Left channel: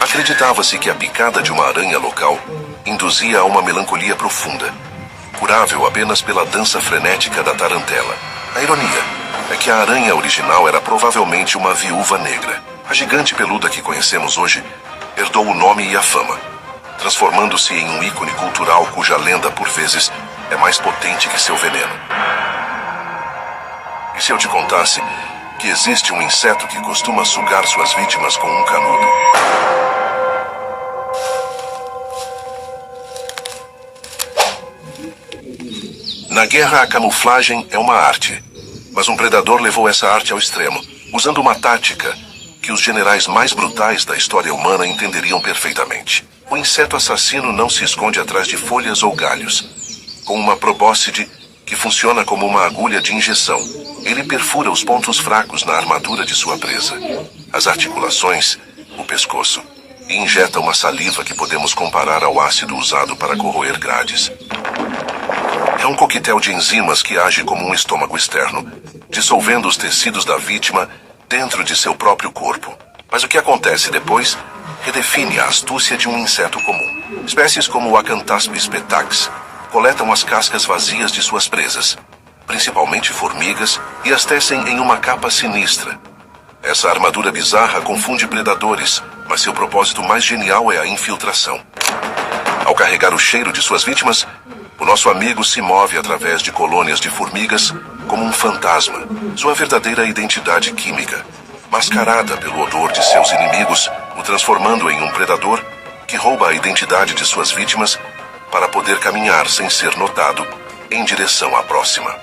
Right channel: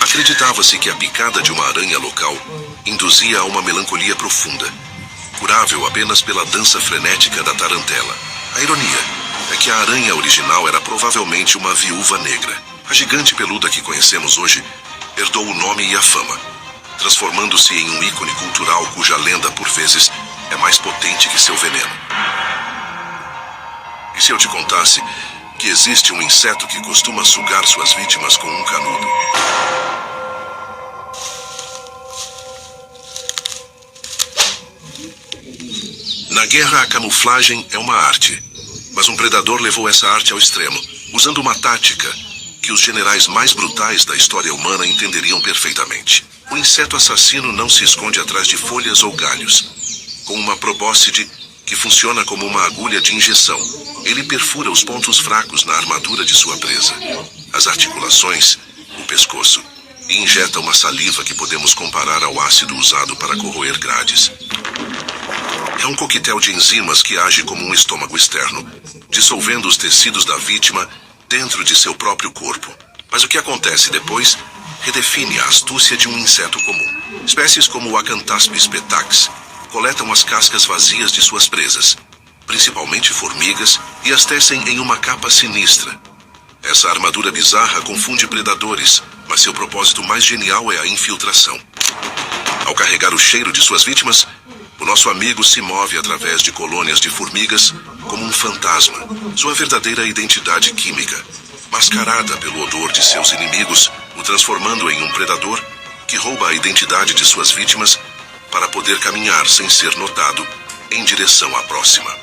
Acreditava-se que a picada de uma aranha local induzia a uma melancolia profunda, curável apenas pela dança frenética da tarantela. A ironia é que a aranha original era provavelmente uma viúva negra. A gigante peluda que conhecemos hoje herdou o nome e a fama, transformando-se em um ícone cultural cuja lenda, por vezes, é mais potente que seu veneno. E se eu te contasse que existe um inseto que costuma sugar suas vítimas com um canudo? Na guerra, a camuflagem é uma arte, mas um predador levou essa arte ao extremo, usando uma tática que os generais mais brutais da história humana entenderiam perfeitamente. O inseto assassino não se esconde atrás de folhas ou galhos. Com uma probóscide que funciona como uma agulha de injeção, ele perfura os pontos fracos na armadura de sua presa, as articulações, o pescoço, e injeta uma saliva que podemos comparar ao ácido usado para corroer grades. É um coquetel de enzimas que age como um estômago externo, dissolvendo os tecidos da vítima dentro de seu próprio corpo. Mas o que acontece depois redefine a astúcia de um inseto comum. Espécies como o Acanthaspis petax coletam as cascas vazias de suas presas, principalmente formigas, e as tecem em uma capa sinistra. Essa armadura bizarra confunde predadores, mas seu propósito mais genial é a infiltração. Ao carregar o cheiro de suas vítimas, o nosso amigo se move através de colônias de formigas como um fantasma. Sua verdadeira identidade química, mascarada pelo odor de seus inimigos, o transformando em um predador que rouba a identidade de suas vítimas para poder caminhar sem ser notado em direção à próxima.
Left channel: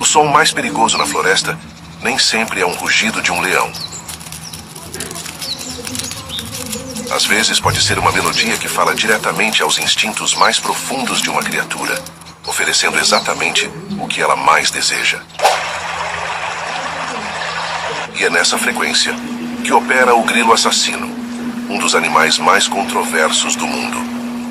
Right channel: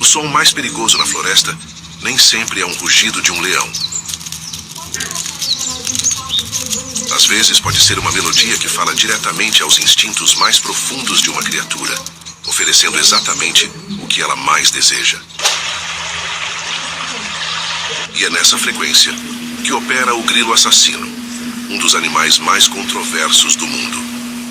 O som mais perigoso na floresta nem sempre é um rugido de um leão. Às vezes pode ser uma melodia que fala diretamente aos instintos mais profundos de uma criatura, oferecendo exatamente o que ela mais deseja. E é nessa frequência que opera o grilo assassino, um dos animais mais controversos do mundo.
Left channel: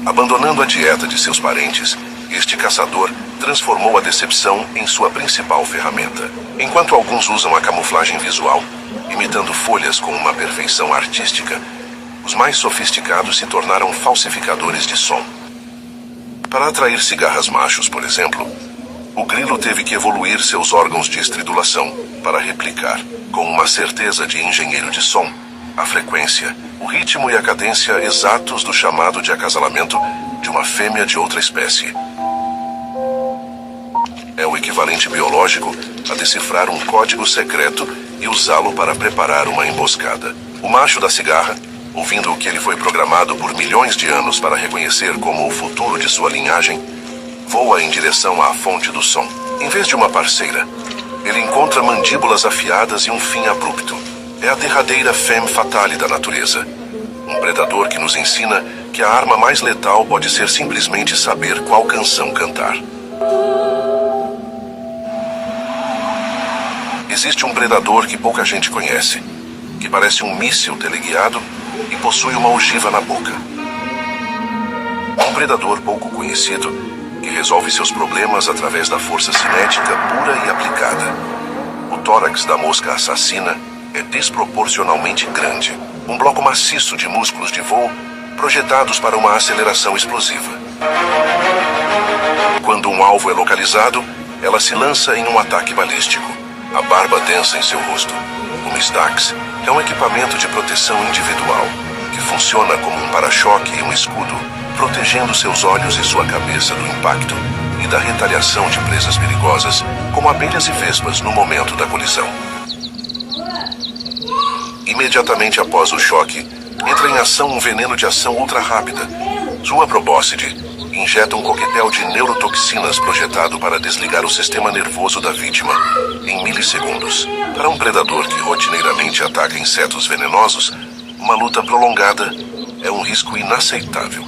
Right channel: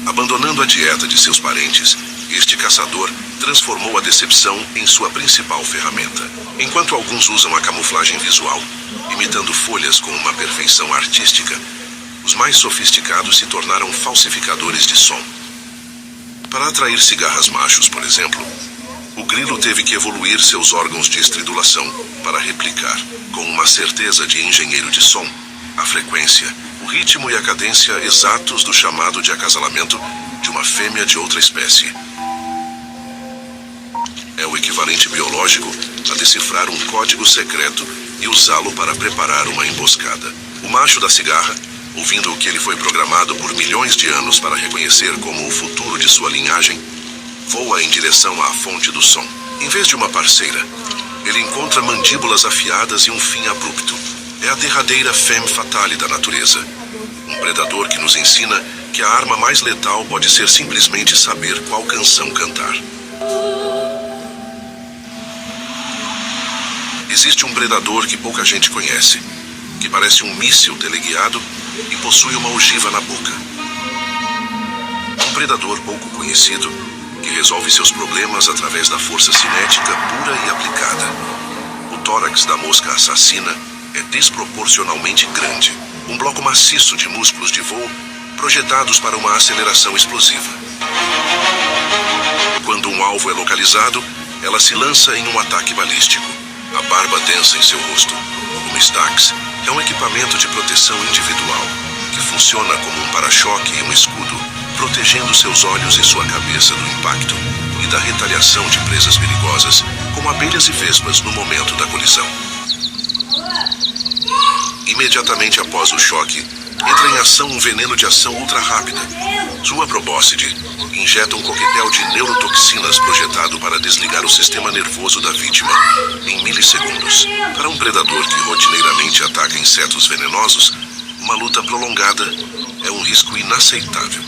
Abandonando a dieta de seus parentes, este caçador transformou a decepção em sua principal ferramenta. Enquanto alguns usam a camuflagem visual, imitando folhas com uma perfeição artística, os mais sofisticados se tornaram falsificadores de som. Para atrair cigarras machos, por exemplo, o grilo teve que evoluir seus órgãos de estridulação para replicar, com uma certeza de engenheiro de som, a frequência, o ritmo e a cadência exatos do chamado de acasalamento de uma fêmea de outra espécie. É o equivalente biológico a decifrar um código secreto e usá-lo para preparar uma emboscada. O macho da cigarra, ouvindo o que ele foi programado por milhões de anos para reconhecer como o futuro de sua linhagem, voa em direção à fonte do som. Em vez de uma parceira, ele encontra mandíbulas afiadas e um fim abrupto. É a derradeira femme fatale da natureza. Um predador que nos ensina que a arma mais letal pode ser simplesmente saber qual canção cantar. Existe um predador que pouca gente conhece, que parece um míssil teleguiado e possui uma ogiva na boca. Um predador pouco conhecido que resolve seus problemas através da força cinética pura e aplicada. O tórax da mosca assassina é desproporcionalmente grande. Um bloco maciço de músculos de voo projetados para uma aceleração explosiva. Quando um alvo é localizado, ela se lança em um ataque balístico. A barba densa em seu rosto. O Mistax é um equipamento de proteção individual que funciona como um para-choque e um escudo, protegendo seus olhos e sua cabeça do impacto e da retaliação de presas perigosas, como abelhas e vespas no momento da colisão. Imediatamente após o choque, entra em ação um veneno de ação ultra rápida. Sua probóscide injeta um coquetel de neurotoxinas projetado para desligar o sistema nervoso da vítima em milissegundos. Para um predador que rotineiramente ataca insetos venenosos, uma luta prolongada é um risco inaceitável.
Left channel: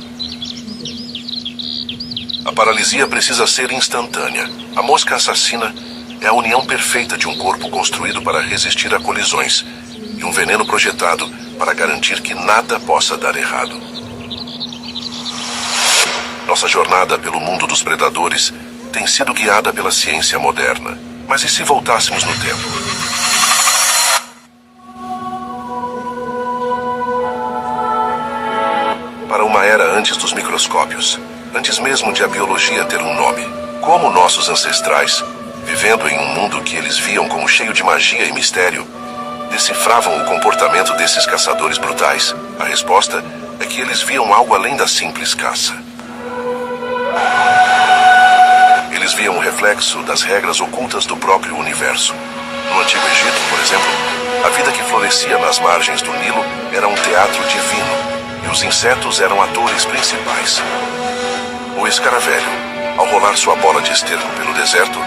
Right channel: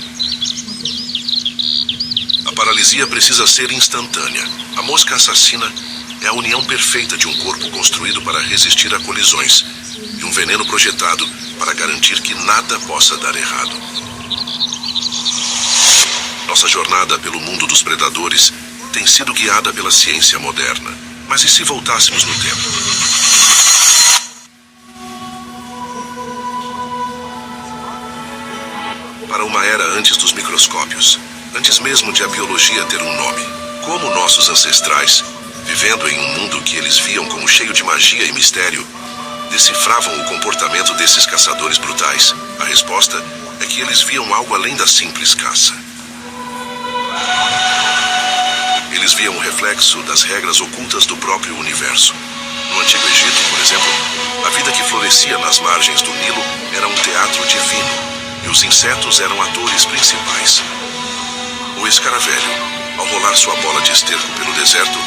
A paralisia precisa ser instantânea. A mosca assassina é a união perfeita de um corpo construído para resistir a colisões e um veneno projetado para garantir que nada possa dar errado. Nossa jornada pelo mundo dos predadores tem sido guiada pela ciência moderna. Mas e se voltássemos no tempo? para uma era antes dos microscópios, antes mesmo de a biologia ter um nome. Como nossos ancestrais, vivendo em um mundo que eles viam como cheio de magia e mistério, decifravam o comportamento desses caçadores brutais? A resposta é que eles viam algo além da simples caça. Eles viam o reflexo das regras ocultas do próprio universo. No Antigo Egito, por exemplo, a vida que florescia nas margens do Nilo era um teatro divino, e os insetos eram atores principais. O escaravelho, ao rolar sua bola de esterco pelo deserto,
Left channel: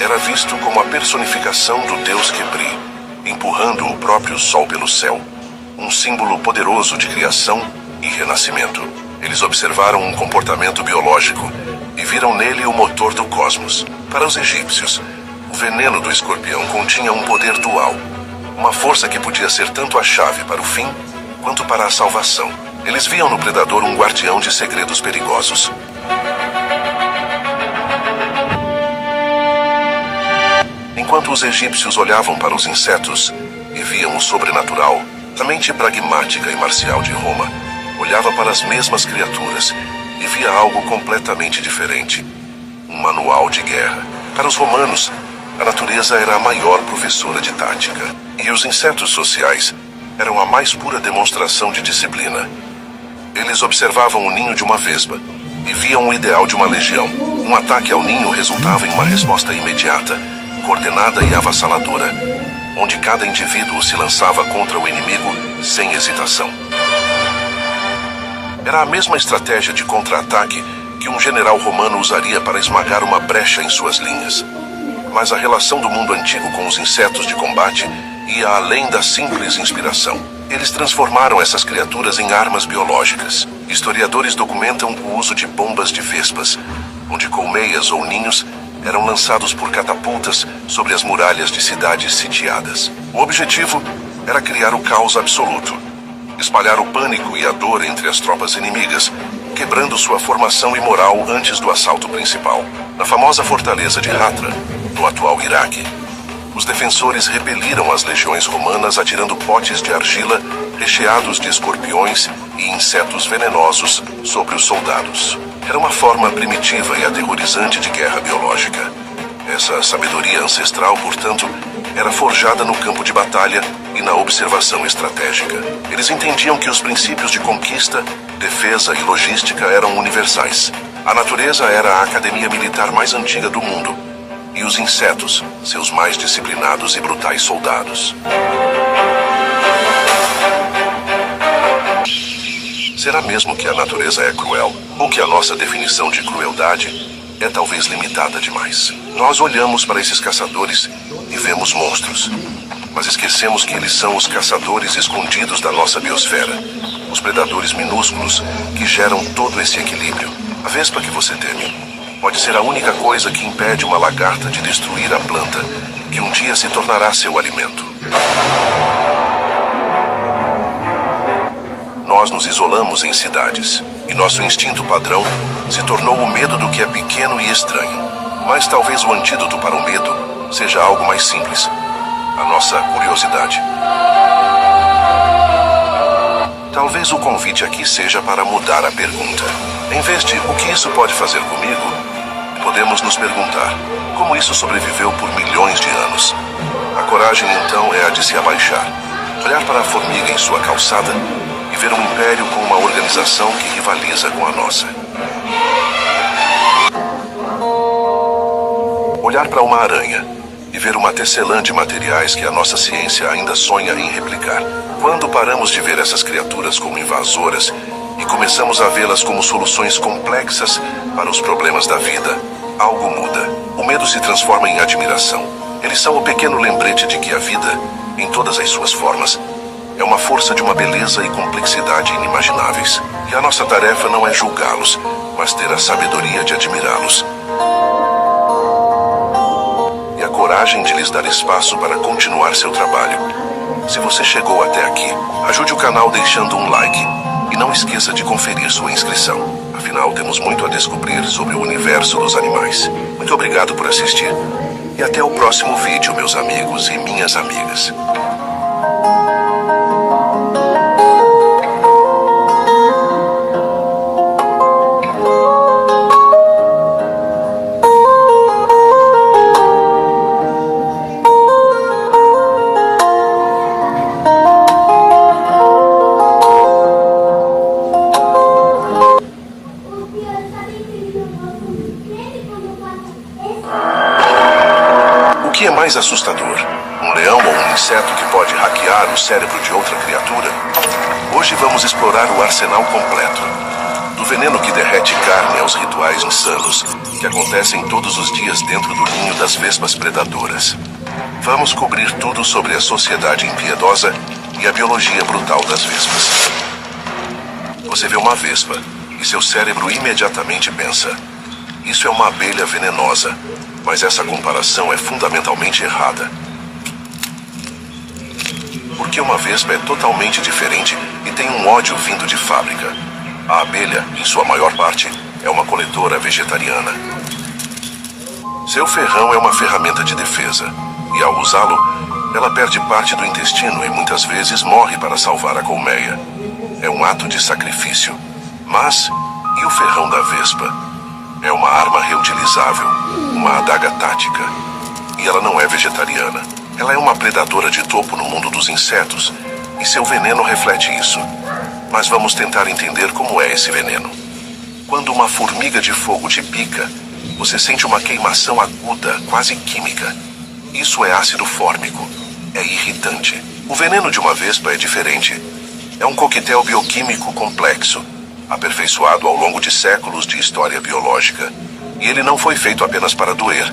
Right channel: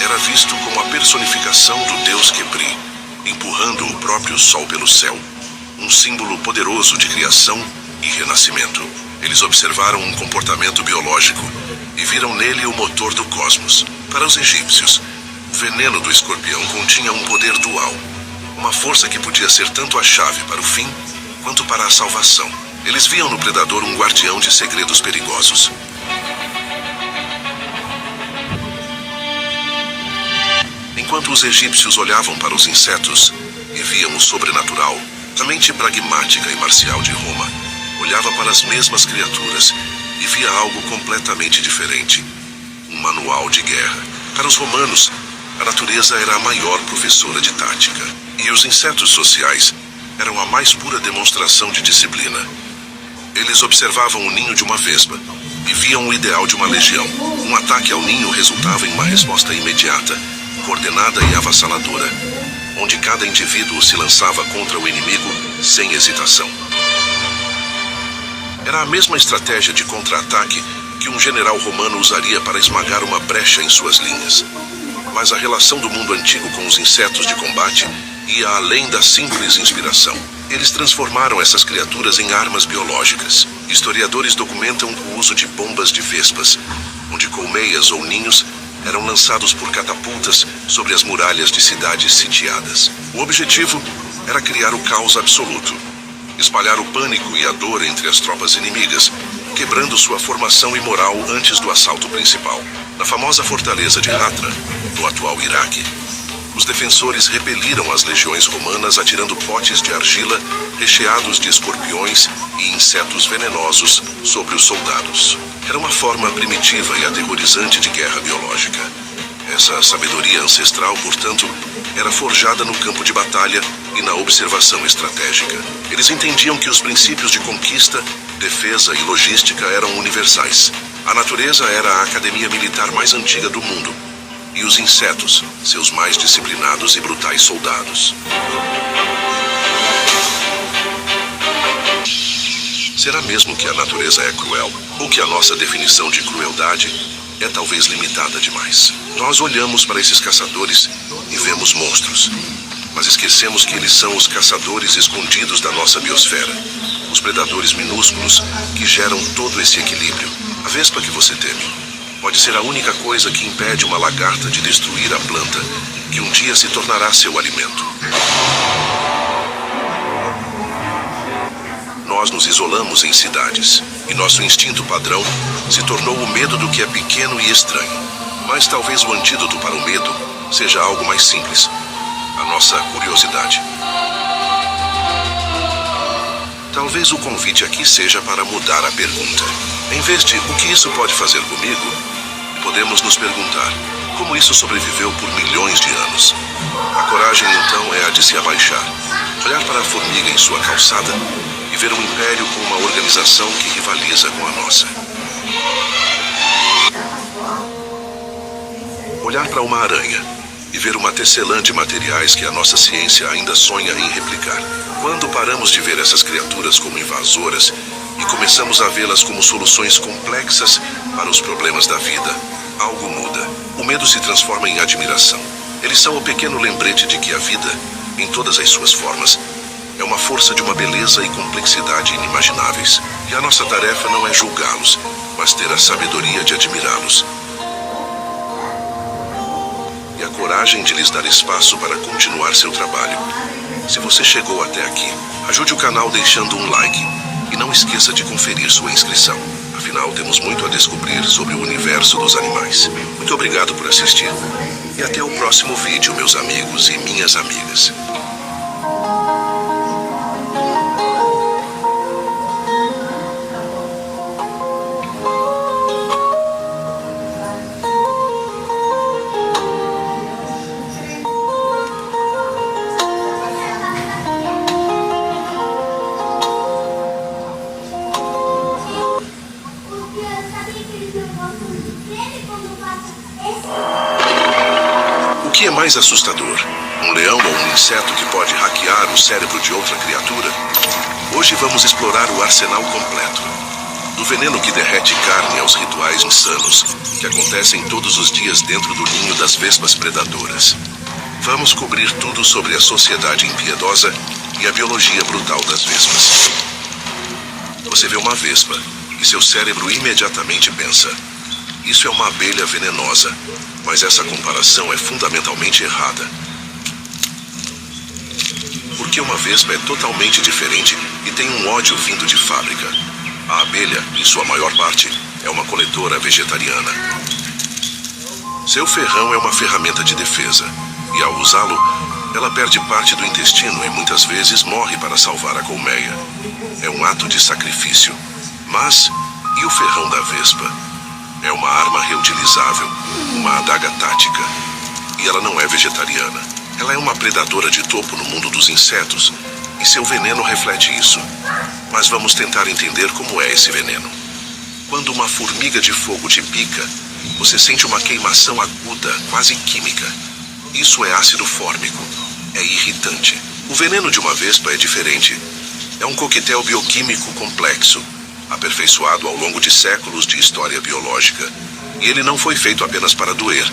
era visto como a personificação do deus Khepri, empurrando o próprio sol pelo céu, um símbolo poderoso de criação e renascimento. Eles observaram um comportamento biológico e viram nele o motor do cosmos. Para os egípcios, o veneno do escorpião continha um poder dual, uma força que podia ser tanto a chave para o fim quanto para a salvação. Eles viam no predador um guardião de segredos perigosos. Enquanto os egípcios olhavam para os insetos e viam o sobrenatural, a mente pragmática e marcial de Roma olhava para as mesmas criaturas e via algo completamente diferente: um manual de guerra. Para os romanos, a natureza era a maior professora de tática, e os insetos sociais eram a mais pura demonstração de disciplina. Eles observavam o ninho de uma vespa e viam o ideal de uma legião. Um ataque ao ninho resultava em uma resposta imediata, coordenada e avassaladora, onde cada indivíduo se lançava contra o inimigo sem hesitação. Era a mesma estratégia de contra-ataque que um general romano usaria para esmagar uma brecha em suas linhas. Mas a relação do mundo antigo com os insetos de combate ia além da simples inspiração. Eles transformaram essas criaturas em armas biológicas. Historiadores documentam o uso de bombas de vespas, onde colmeias ou ninhos eram lançados por catapultas sobre as muralhas de cidades sitiadas. O objetivo era criar o caos absoluto, espalhar o pânico e a dor entre as tropas inimigas, quebrando sua formação imoral antes do assalto principal. Na famosa fortaleza de Hatra, no atual Iraque, os defensores repeliram as legiões romanas atirando potes de argila recheados de escorpiões e insetos venenosos sobre os soldados. Era uma forma primitiva e aterrorizante de guerra biológica. Essa sabedoria ancestral, portanto, era forjada no campo de batalha e na observação estratégica. Eles entendiam que os princípios de conquista, defesa e logística eram universais. A natureza era a academia militar mais antiga do mundo, e os insetos, seus mais disciplinados e brutais soldados. Será mesmo que a natureza é cruel? Ou que a nossa definição de crueldade é talvez limitada demais? Nós olhamos para esses caçadores e vemos monstros, mas esquecemos que eles são os caçadores escondidos da nossa biosfera, os predadores minúsculos que geram todo esse equilíbrio. A vespa que você teme pode ser a única coisa que impede uma lagarta de destruir a planta que um dia se tornará seu alimento. Nós nos isolamos em cidades, e nosso instinto padrão se tornou o medo do que é pequeno e estranho. Mas talvez o antídoto para o medo seja algo mais simples: a nossa curiosidade. Talvez o convite aqui seja para mudar a pergunta. Em vez de "o que isso pode fazer comigo?", podemos nos perguntar: como isso sobreviveu por milhões de anos? A coragem, então, é a de se abaixar, olhar para a formiga em sua calçada e ver um império com uma organização que rivaliza com a nossa. Olhar para uma aranha e ver uma tecelã de materiais que a nossa ciência ainda sonha em replicar. Quando paramos de ver essas criaturas como invasoras e começamos a vê-las como soluções complexas para os problemas da vida, algo muda. O medo se transforma em admiração. Eles são o pequeno lembrete de que a vida, em todas as suas formas, é uma força de uma beleza e complexidade inimagináveis. E a nossa tarefa não é julgá-los, mas ter a sabedoria de admirá-los. E a coragem de lhes dar espaço para continuar seu trabalho. Se você chegou até aqui, ajude o canal deixando um like. E não esqueça de conferir sua inscrição. Afinal, temos muito a descobrir sobre o universo dos animais. Muito obrigado por assistir. E até o próximo vídeo, meus amigos e minhas amigas. mais assustador, um leão ou um inseto que pode hackear o cérebro de outra criatura? Hoje vamos explorar o arsenal completo. Do veneno que derrete carne aos rituais insanos que acontecem todos os dias dentro do ninho das vespas predadoras. Vamos cobrir tudo sobre a sociedade impiedosa e a biologia brutal das vespas. Você vê uma vespa e seu cérebro imediatamente pensa: isso é uma abelha venenosa, mas essa comparação é fundamentalmente errada. Porque uma vespa é totalmente diferente e tem um ódio vindo de fábrica. A abelha, em sua maior parte, é uma coletora vegetariana. Seu ferrão é uma ferramenta de defesa, e ao usá-lo, ela perde parte do intestino e muitas vezes morre para salvar a colmeia. É um ato de sacrifício. Mas, e o ferrão da vespa? É uma arma reutilizável, uma adaga tática. E ela não é vegetariana. Ela é uma predadora de topo no mundo dos insetos, e seu veneno reflete isso. Mas vamos tentar entender como é esse veneno. Quando uma formiga de fogo te pica, você sente uma queimação aguda, quase química. Isso é ácido fórmico. É irritante. O veneno de uma vespa é diferente. É um coquetel bioquímico complexo, aperfeiçoado ao longo de séculos de história biológica. E ele não foi feito apenas para doer.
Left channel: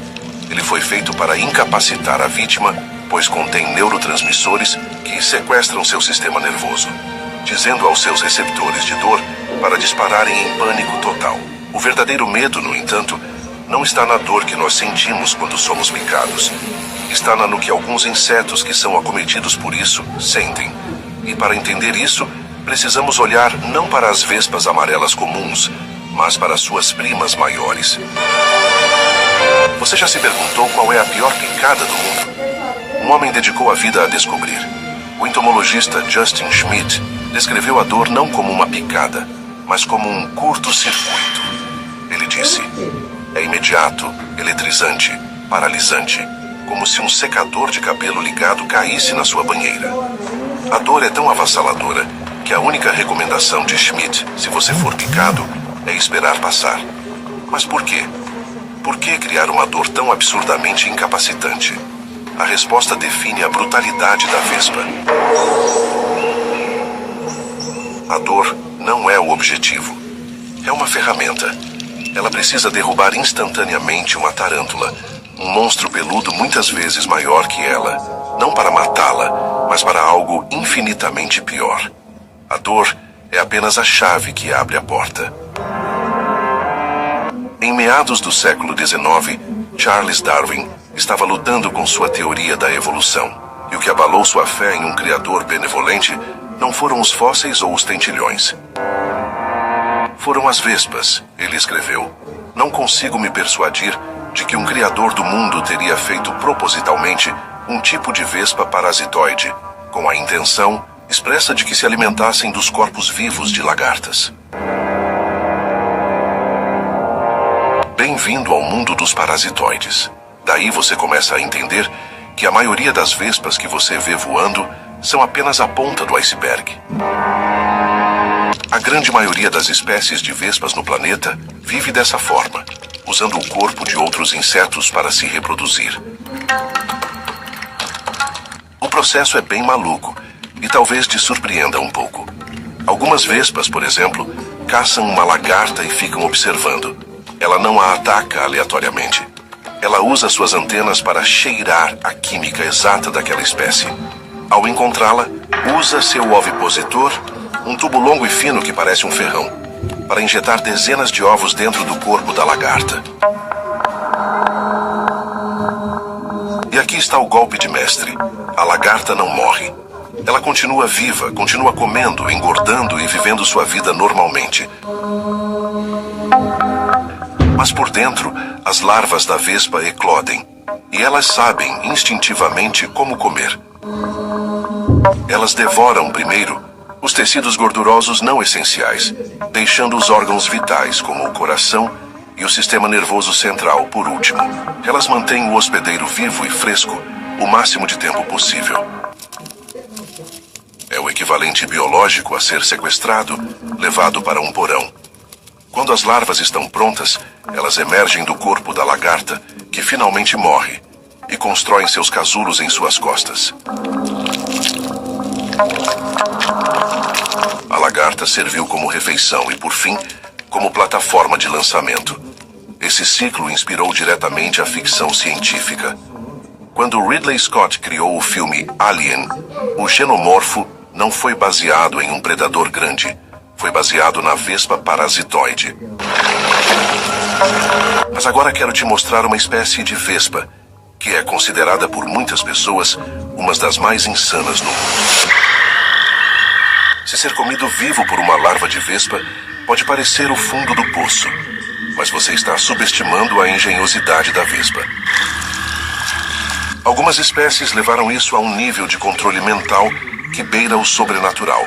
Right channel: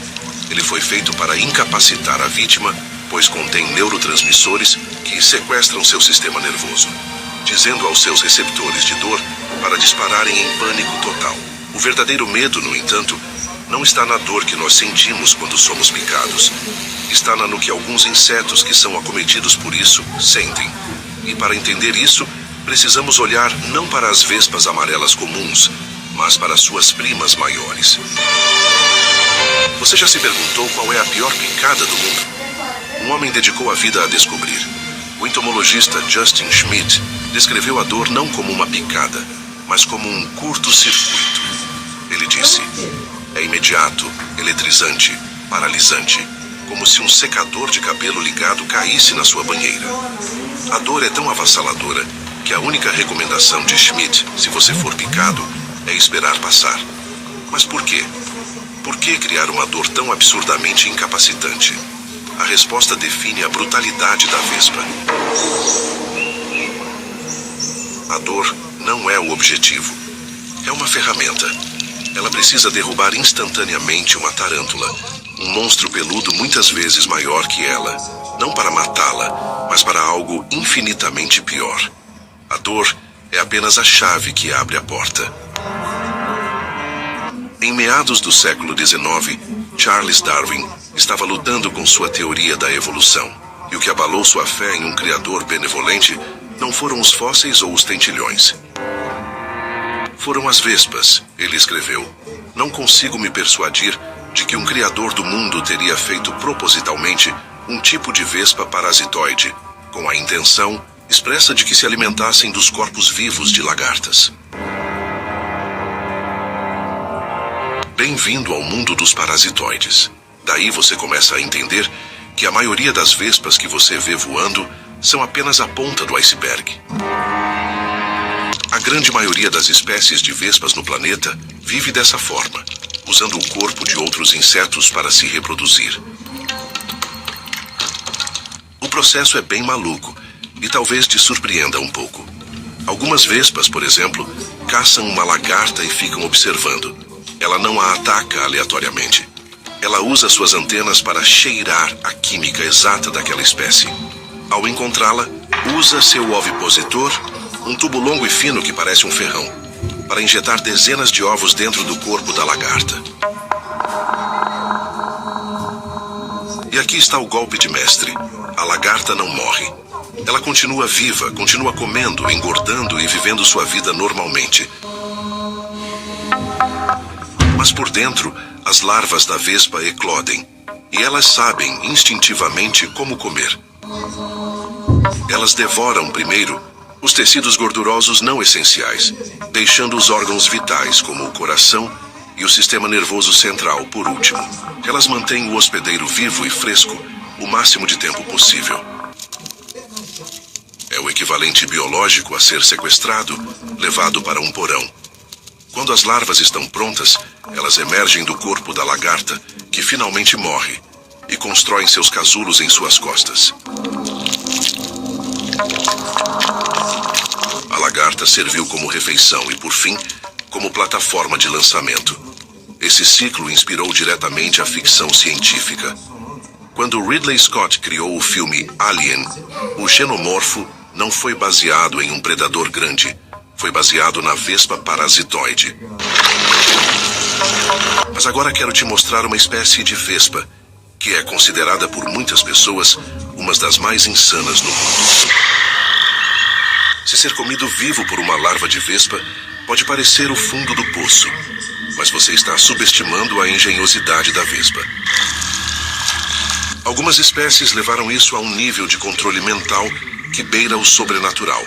Ele foi feito para incapacitar a vítima, pois contém neurotransmissores que sequestram seu sistema nervoso, dizendo aos seus receptores de dor para dispararem em pânico total. O verdadeiro medo, no entanto, não está na dor que nós sentimos quando somos picados. Está no que alguns insetos que são acometidos por isso sentem. E para entender isso, precisamos olhar não para as vespas amarelas comuns, mas para suas primas maiores. Você já se perguntou qual é a pior picada do mundo? Um homem dedicou a vida a descobrir. O entomologista Justin Schmidt descreveu a dor não como uma picada, mas como um curto-circuito. Ele disse: é imediato, eletrizante, paralisante, como se um secador de cabelo ligado caísse na sua banheira. A dor é tão avassaladora que a única recomendação de Schmidt, se você for picado, é esperar passar. Mas por quê? Por que criar uma dor tão absurdamente incapacitante? A resposta define a brutalidade da vespa. A dor não é o objetivo. É uma ferramenta. Ela precisa derrubar instantaneamente uma tarântula, um monstro peludo muitas vezes maior que ela, não para matá-la, mas para algo infinitamente pior. A dor é apenas a chave que abre a porta. Em meados do século XIX, Charles Darwin estava lutando com sua teoria da evolução, e o que abalou sua fé em um criador benevolente não foram os fósseis ou os tentilhões. Foram as vespas, ele escreveu. Não consigo me persuadir de que um criador do mundo teria feito propositalmente um tipo de vespa parasitoide, com a intenção expressa de que se alimentassem dos corpos vivos de lagartas. Bem-vindo ao mundo dos parasitoides. Daí você começa a entender que a maioria das vespas que você vê voando são apenas a ponta do iceberg. A grande maioria das espécies de vespas no planeta vive dessa forma, usando o corpo de outros insetos para se reproduzir. O processo é bem maluco e talvez te surpreenda um pouco. Algumas vespas, por exemplo, caçam uma lagarta e ficam observando. Ela não a ataca aleatoriamente. Ela usa suas antenas para cheirar a química exata daquela espécie. Ao encontrá-la, usa seu ovipositor, um tubo longo e fino que parece um ferrão, para injetar dezenas de ovos dentro do corpo da lagarta. E aqui está o golpe de mestre. A lagarta não morre. Ela continua viva, continua comendo, engordando e vivendo sua vida normalmente. Mas por dentro, as larvas da vespa eclodem, e elas sabem instintivamente como comer. Elas devoram primeiro os tecidos gordurosos não essenciais, deixando os órgãos vitais, como o coração e o sistema nervoso central, por último. Elas mantêm o hospedeiro vivo e fresco o máximo de tempo possível. É o equivalente biológico a ser sequestrado, levado para um porão. Quando as larvas estão prontas, elas emergem do corpo da lagarta, que finalmente morre, e constroem seus casulos em suas costas. A lagarta serviu como refeição e, por fim, como plataforma de lançamento. Esse ciclo inspirou diretamente a ficção científica. Quando Ridley Scott criou o filme Alien, o xenomorfo não foi baseado em um predador grande, foi baseado na vespa parasitoide. Mas agora quero te mostrar uma espécie de vespa, que é considerada por muitas pessoas uma das mais insanas no mundo. Se ser comido vivo por uma larva de vespa pode parecer o fundo do poço, mas você está subestimando a engenhosidade da vespa. Algumas espécies levaram isso a um nível de controle mental que beira o sobrenatural.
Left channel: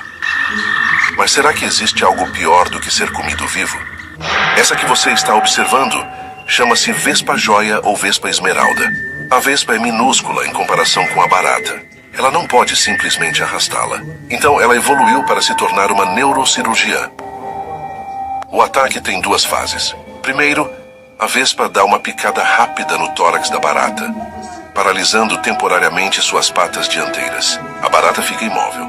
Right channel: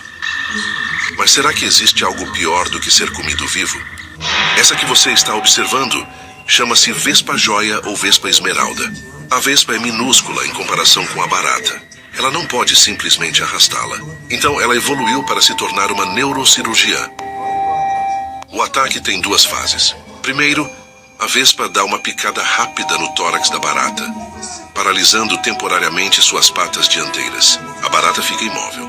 Mas será que existe algo pior do que ser comido vivo? Essa que você está observando chama-se vespa-joia ou vespa-esmeralda. A vespa é minúscula em comparação com a barata. Ela não pode simplesmente arrastá-la. Então ela evoluiu para se tornar uma neurocirurgiã. O ataque tem duas fases. Primeiro, a vespa dá uma picada rápida no tórax da barata, paralisando temporariamente suas patas dianteiras. A barata fica imóvel,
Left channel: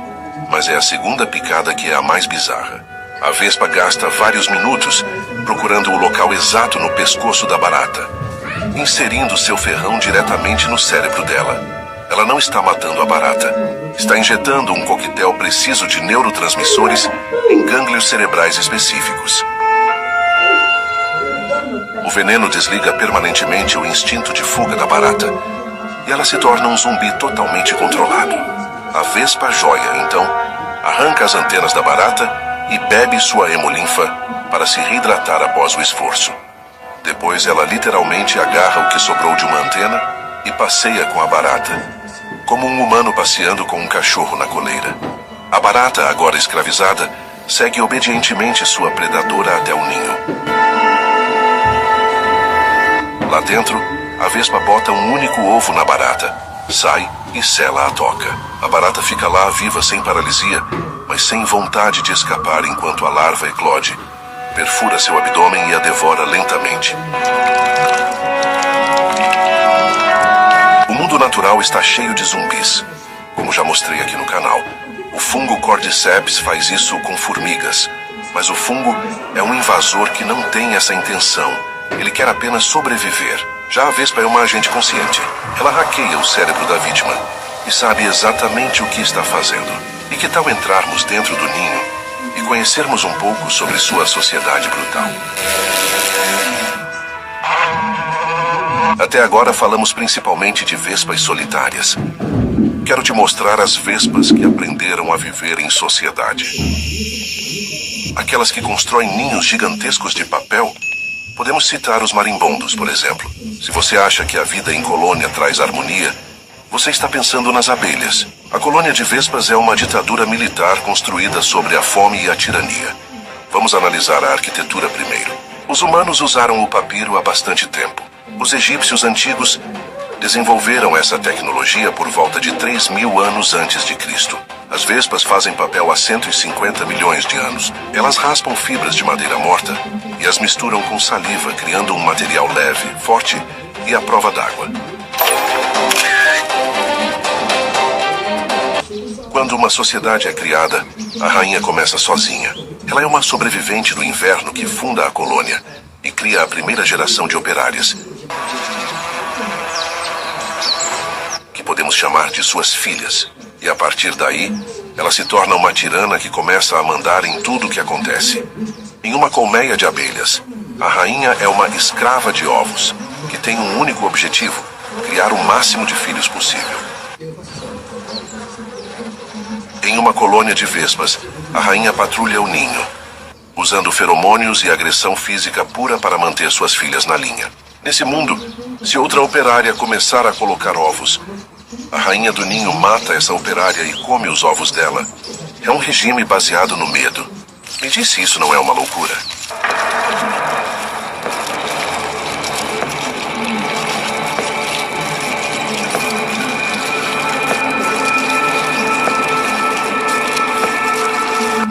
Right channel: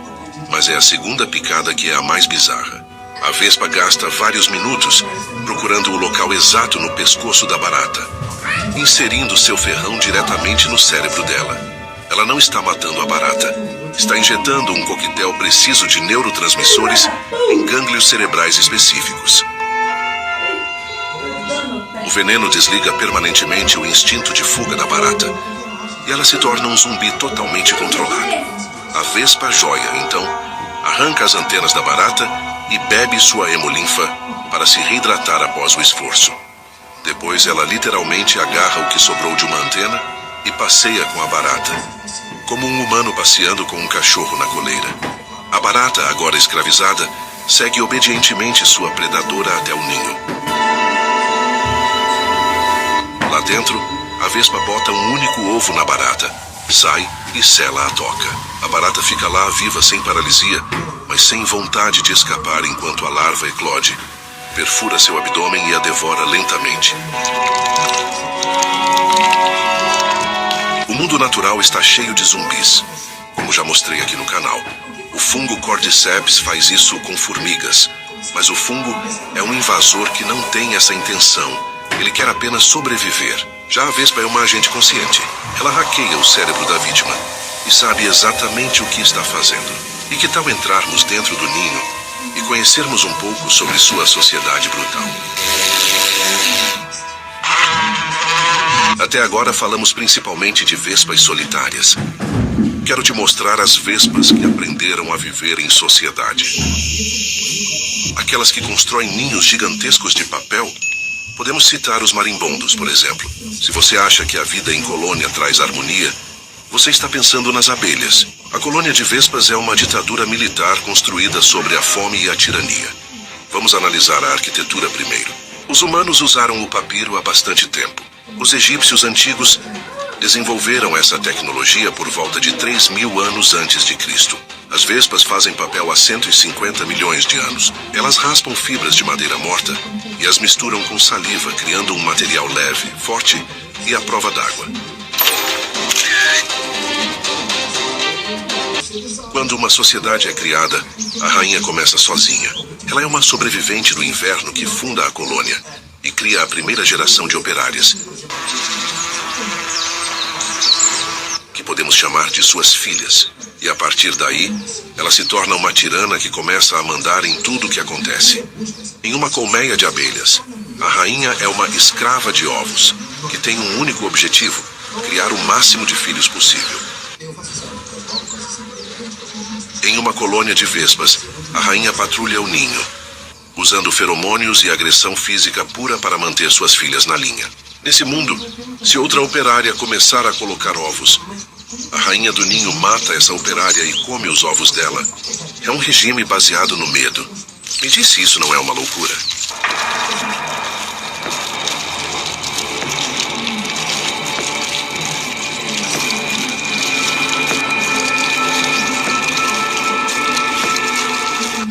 mas é a segunda picada que é a mais bizarra. A vespa gasta vários minutos procurando o local exato no pescoço da barata, inserindo seu ferrão diretamente no cérebro dela. Ela não está matando a barata, está injetando um coquetel preciso de neurotransmissores em gânglios cerebrais específicos. O veneno desliga permanentemente o instinto de fuga da barata, e ela se torna um zumbi totalmente controlado. A vespa-joia, então, arranca as antenas da barata e bebe sua hemolinfa para se reidratar após o esforço. Depois ela literalmente agarra o que sobrou de uma antena e passeia com a barata, como um humano passeando com um cachorro na coleira. A barata, agora escravizada, segue obedientemente sua predadora até o ninho. Lá dentro, a vespa bota um único ovo na barata, sai e sela a toca. A barata fica lá viva sem paralisia, mas sem vontade de escapar enquanto a larva eclode, perfura seu abdômen e a devora lentamente. O mundo natural está cheio de zumbis, como já mostrei aqui no canal. O fungo Cordyceps faz isso com formigas, mas o fungo é um invasor que não tem essa intenção. Ele quer apenas sobreviver. Já a vespa é uma agente consciente. Ela hackeia o cérebro da vítima e sabe exatamente o que está fazendo. E que tal entrarmos dentro do ninho e conhecermos um pouco sobre sua sociedade brutal? Até agora falamos principalmente de vespas solitárias. Quero te mostrar as vespas que aprenderam a viver em sociedade. Aquelas que constroem ninhos gigantescos de papel. Podemos citar os marimbondos, por exemplo. Se você acha que a vida em colônia traz harmonia, você está pensando nas abelhas. A colônia de vespas é uma ditadura militar construída sobre a fome e a tirania. Vamos analisar a arquitetura primeiro. Os humanos usaram o papiro há bastante tempo. Os egípcios antigos desenvolveram essa tecnologia por volta de 3.000 anos antes de Cristo. As vespas fazem papel há 150 milhões de anos. Elas raspam fibras de madeira morta e as misturam com saliva, criando um material leve, forte e à prova d'água. Quando uma sociedade é criada, a rainha começa sozinha. Ela é uma sobrevivente do inverno que funda a colônia e cria a primeira geração de operárias, que podemos chamar de suas filhas. E a partir daí, ela se torna uma tirana que começa a mandar em tudo o que acontece. Em uma colmeia de abelhas, a rainha é uma escrava de ovos, que tem um único objetivo: criar o máximo de filhos possível. Em uma colônia de vespas, a rainha patrulha o ninho, usando feromônios e agressão física pura para manter suas filhas na linha. Nesse mundo, se outra operária começar a colocar ovos, a rainha do ninho mata essa operária e come os ovos dela. É um regime baseado no medo. Me diz se isso não é uma loucura.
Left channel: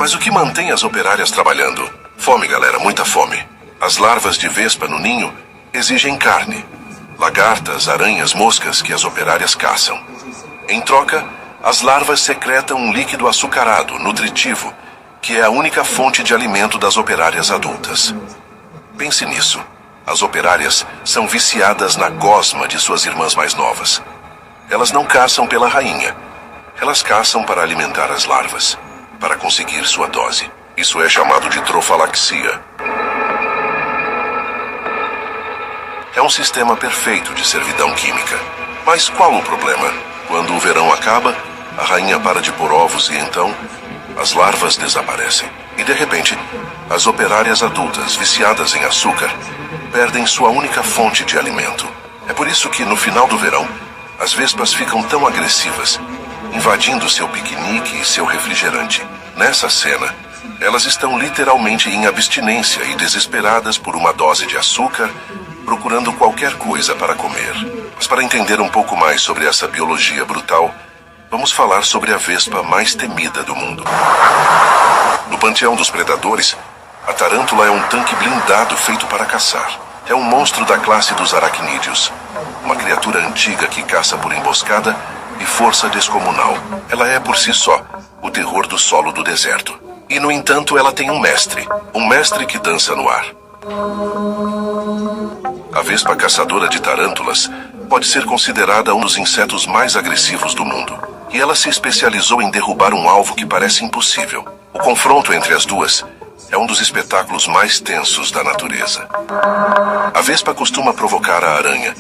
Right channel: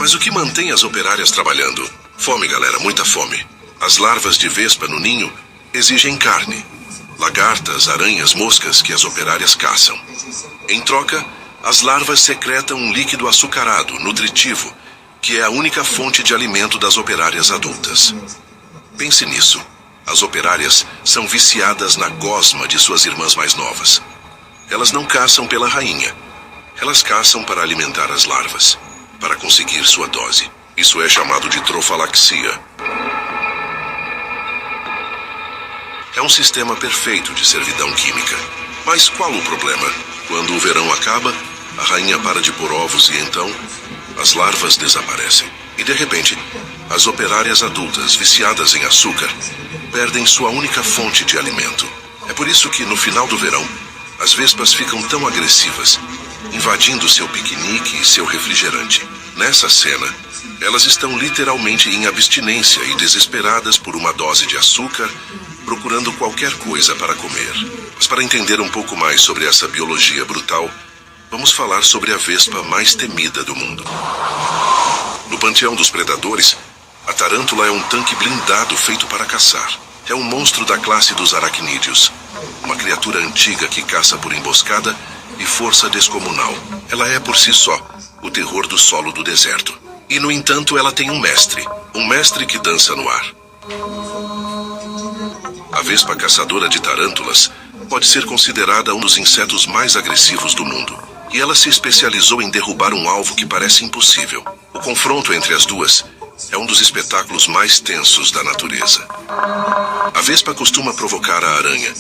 Mas o que mantém as operárias trabalhando? Fome, galera, muita fome. As larvas de vespa no ninho exigem carne. lagartas, aranhas, moscas que as operárias caçam. Em troca, as larvas secretam um líquido açucarado, nutritivo, que é a única fonte de alimento das operárias adultas. Pense nisso. As operárias são viciadas na gosma de suas irmãs mais novas. Elas não caçam pela rainha. Elas caçam para alimentar as larvas, para conseguir sua dose. Isso é chamado de trofalaxia. É um sistema perfeito de servidão química. Mas qual o problema? Quando o verão acaba, a rainha para de pôr ovos e então as larvas desaparecem. E de repente, as operárias adultas viciadas em açúcar perdem sua única fonte de alimento. É por isso que no final do verão, as vespas ficam tão agressivas, invadindo seu piquenique e seu refrigerante. Nessa cena, elas estão literalmente em abstinência e desesperadas por uma dose de açúcar, procurando qualquer coisa para comer. Mas para entender um pouco mais sobre essa biologia brutal, vamos falar sobre a vespa mais temida do mundo. No panteão dos predadores, a tarântula é um tanque blindado feito para caçar. É um monstro da classe dos aracnídeos, uma criatura antiga que caça por emboscada e força descomunal. Ela é por si só o terror do solo do deserto. E no entanto ela tem um mestre que dança no ar. A vespa caçadora de tarântulas pode ser considerada um dos insetos mais agressivos do mundo. E ela se especializou em derrubar um alvo que parece impossível. O confronto entre as duas é um dos espetáculos mais tensos da natureza. A vespa costuma provocar a aranha,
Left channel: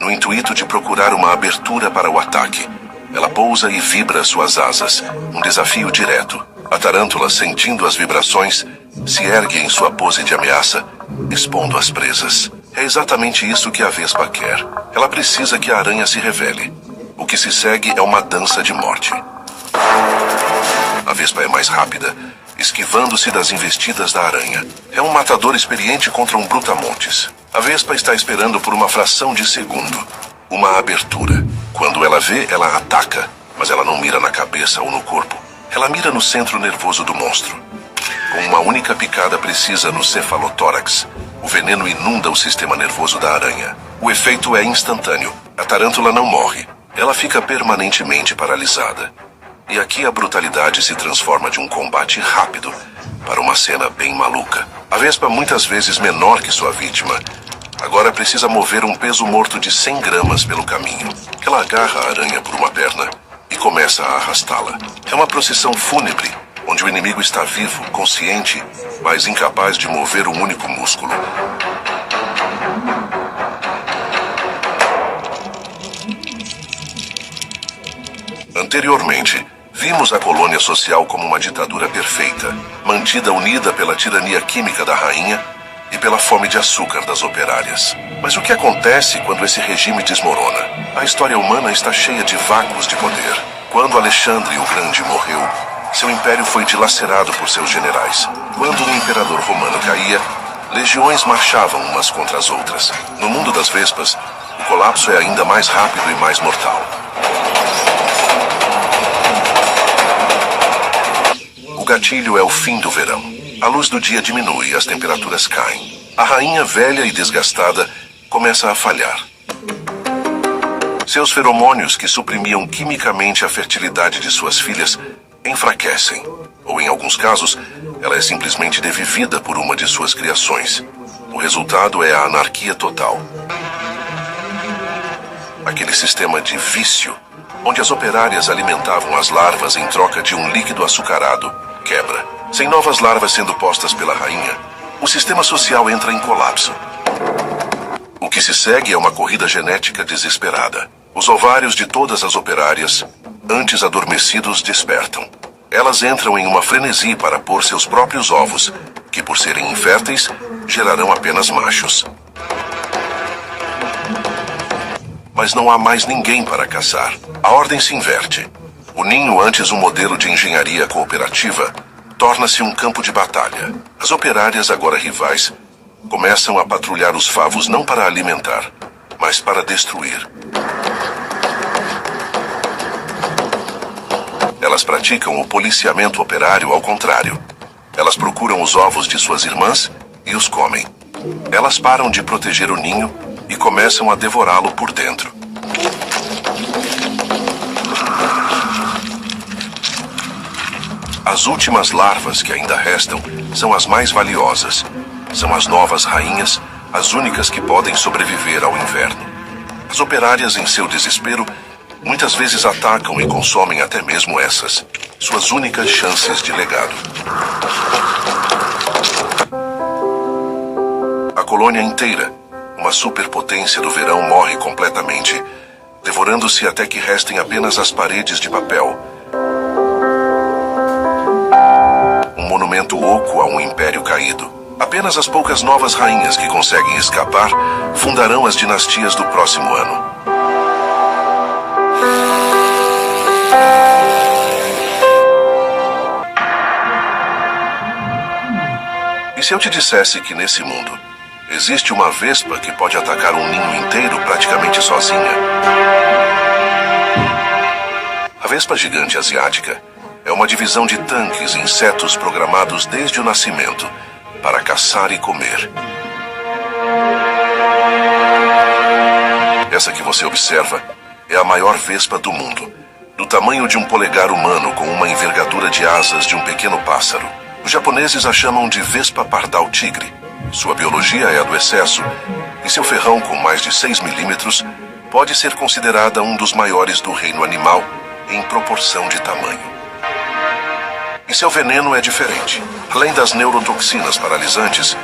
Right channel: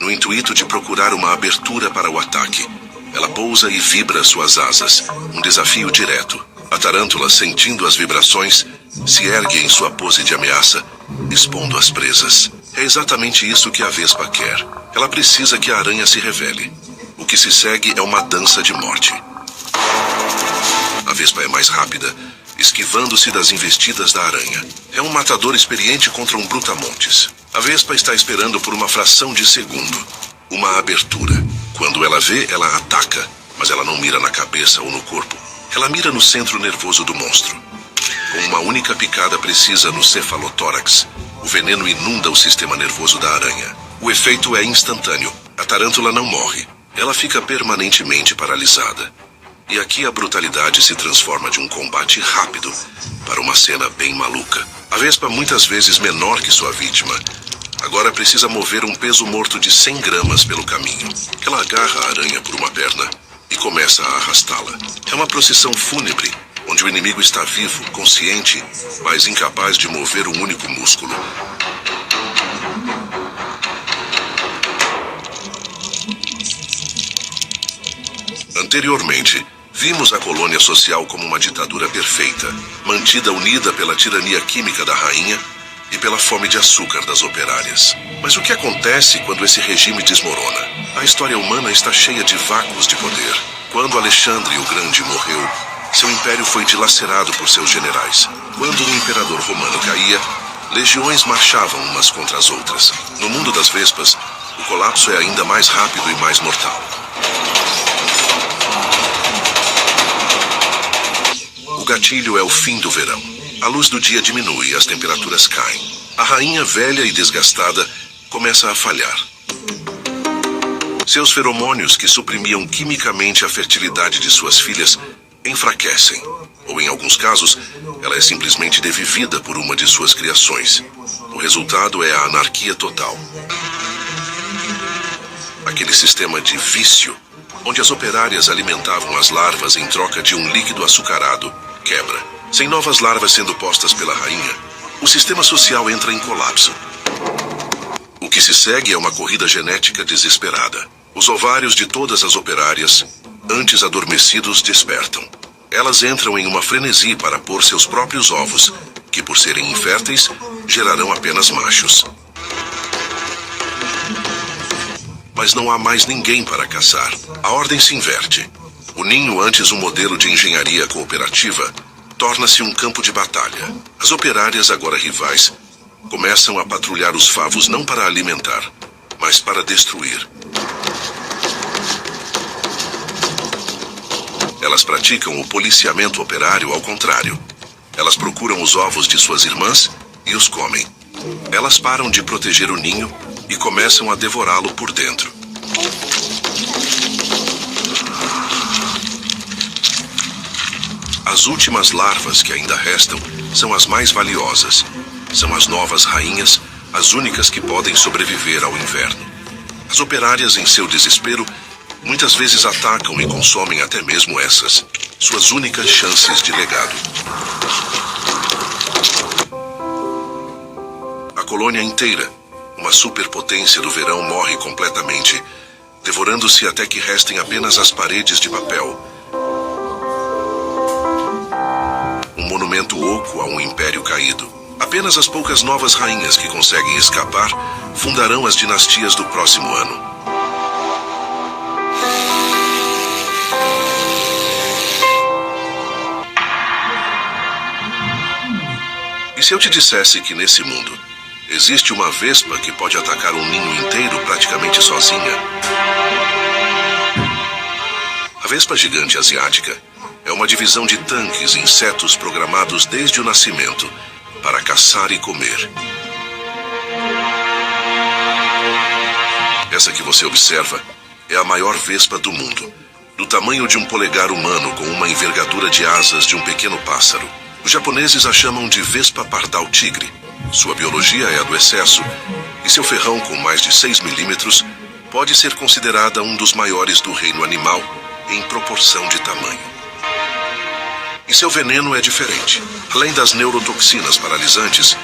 no intuito de procurar uma abertura para o ataque. Ela pousa e vibra suas asas, um desafio direto. A tarântula, sentindo as vibrações, se ergue em sua pose de ameaça, expondo as presas. É exatamente isso que a vespa quer. Ela precisa que a aranha se revele. O que se segue é uma dança de morte. A vespa é mais rápida, esquivando-se das investidas da aranha. É um matador experiente contra um brutamontes. A vespa está esperando por uma fração de segundo. Uma abertura. Quando ela vê, ela ataca, mas ela não mira na cabeça ou no corpo. Ela mira no centro nervoso do monstro. Com uma única picada precisa no cefalotórax, o veneno inunda o sistema nervoso da aranha. O efeito é instantâneo. A tarântula não morre. Ela fica permanentemente paralisada. E aqui a brutalidade se transforma de um combate rápido para uma cena bem maluca. A vespa, muitas vezes menor que sua vítima, agora precisa mover um peso morto de 100 gramas pelo caminho. Ela agarra a aranha por uma perna e começa a arrastá-la. É uma procissão fúnebre, onde o inimigo está vivo, consciente, mas incapaz de mover um único músculo. Anteriormente, vimos a colônia social como uma ditadura perfeita, mantida unida pela tirania química da rainha e pela fome de açúcar das operárias. Mas o que acontece quando esse regime desmorona? A história humana está cheia de vácuos de poder. Quando Alexandre o Grande morreu, seu império foi dilacerado por seus generais. Quando o imperador romano caía, legiões marchavam umas contra as outras. No mundo das vespas, o colapso é ainda mais rápido e mais mortal. O gatilho é o fim do verão. A luz do dia diminui e as temperaturas caem. A rainha, velha e desgastada, começa a falhar. Seus feromônios, que suprimiam quimicamente a fertilidade de suas filhas, enfraquecem. Ou, em alguns casos, ela é simplesmente devivida por uma de suas criações. O resultado é a anarquia total. Aquele sistema de vício, onde as operárias alimentavam as larvas em troca de um líquido açucarado, quebra. Sem novas larvas sendo postas pela rainha, o sistema social entra em colapso. O que se segue é uma corrida genética desesperada. Os ovários de todas as operárias, antes adormecidos, despertam. Elas entram em uma frenesi para pôr seus próprios ovos, que por serem inférteis, gerarão apenas machos. Mas não há mais ninguém para caçar. A ordem se inverte. O ninho, antes um modelo de engenharia cooperativa, torna-se um campo de batalha. As operárias, agora rivais, começam a patrulhar os favos não para alimentar, mas para destruir. Elas praticam o policiamento operário ao contrário. Elas procuram os ovos de suas irmãs e os comem. Elas param de proteger o ninho e começam a devorá-lo por dentro. As últimas larvas que ainda restam são as mais valiosas. São as novas rainhas, as únicas que podem sobreviver ao inverno. As operárias, em seu desespero, muitas vezes atacam e consomem até mesmo essas, suas únicas chances de legado. A colônia inteira, uma superpotência do verão, morre completamente, devorando-se até que restem apenas as paredes de papel. Um monumento oco a um império caído. Apenas as poucas novas rainhas que conseguem escapar fundarão as dinastias do próximo ano. E se eu te dissesse que nesse mundo existe uma vespa que pode atacar um ninho inteiro praticamente sozinha? A vespa gigante asiática é uma divisão de tanques e insetos programados desde o nascimento para caçar e comer. Essa que você observa é a maior vespa do mundo, do tamanho de um polegar humano com uma envergadura de asas de um pequeno pássaro. Os japoneses a chamam de vespa pardal tigre. Sua biologia é a do excesso, e seu ferrão com mais de 6 milímetros pode ser considerada um dos maiores do reino animal em proporção de tamanho. E seu veneno é diferente. Além das neurotoxinas paralisantes,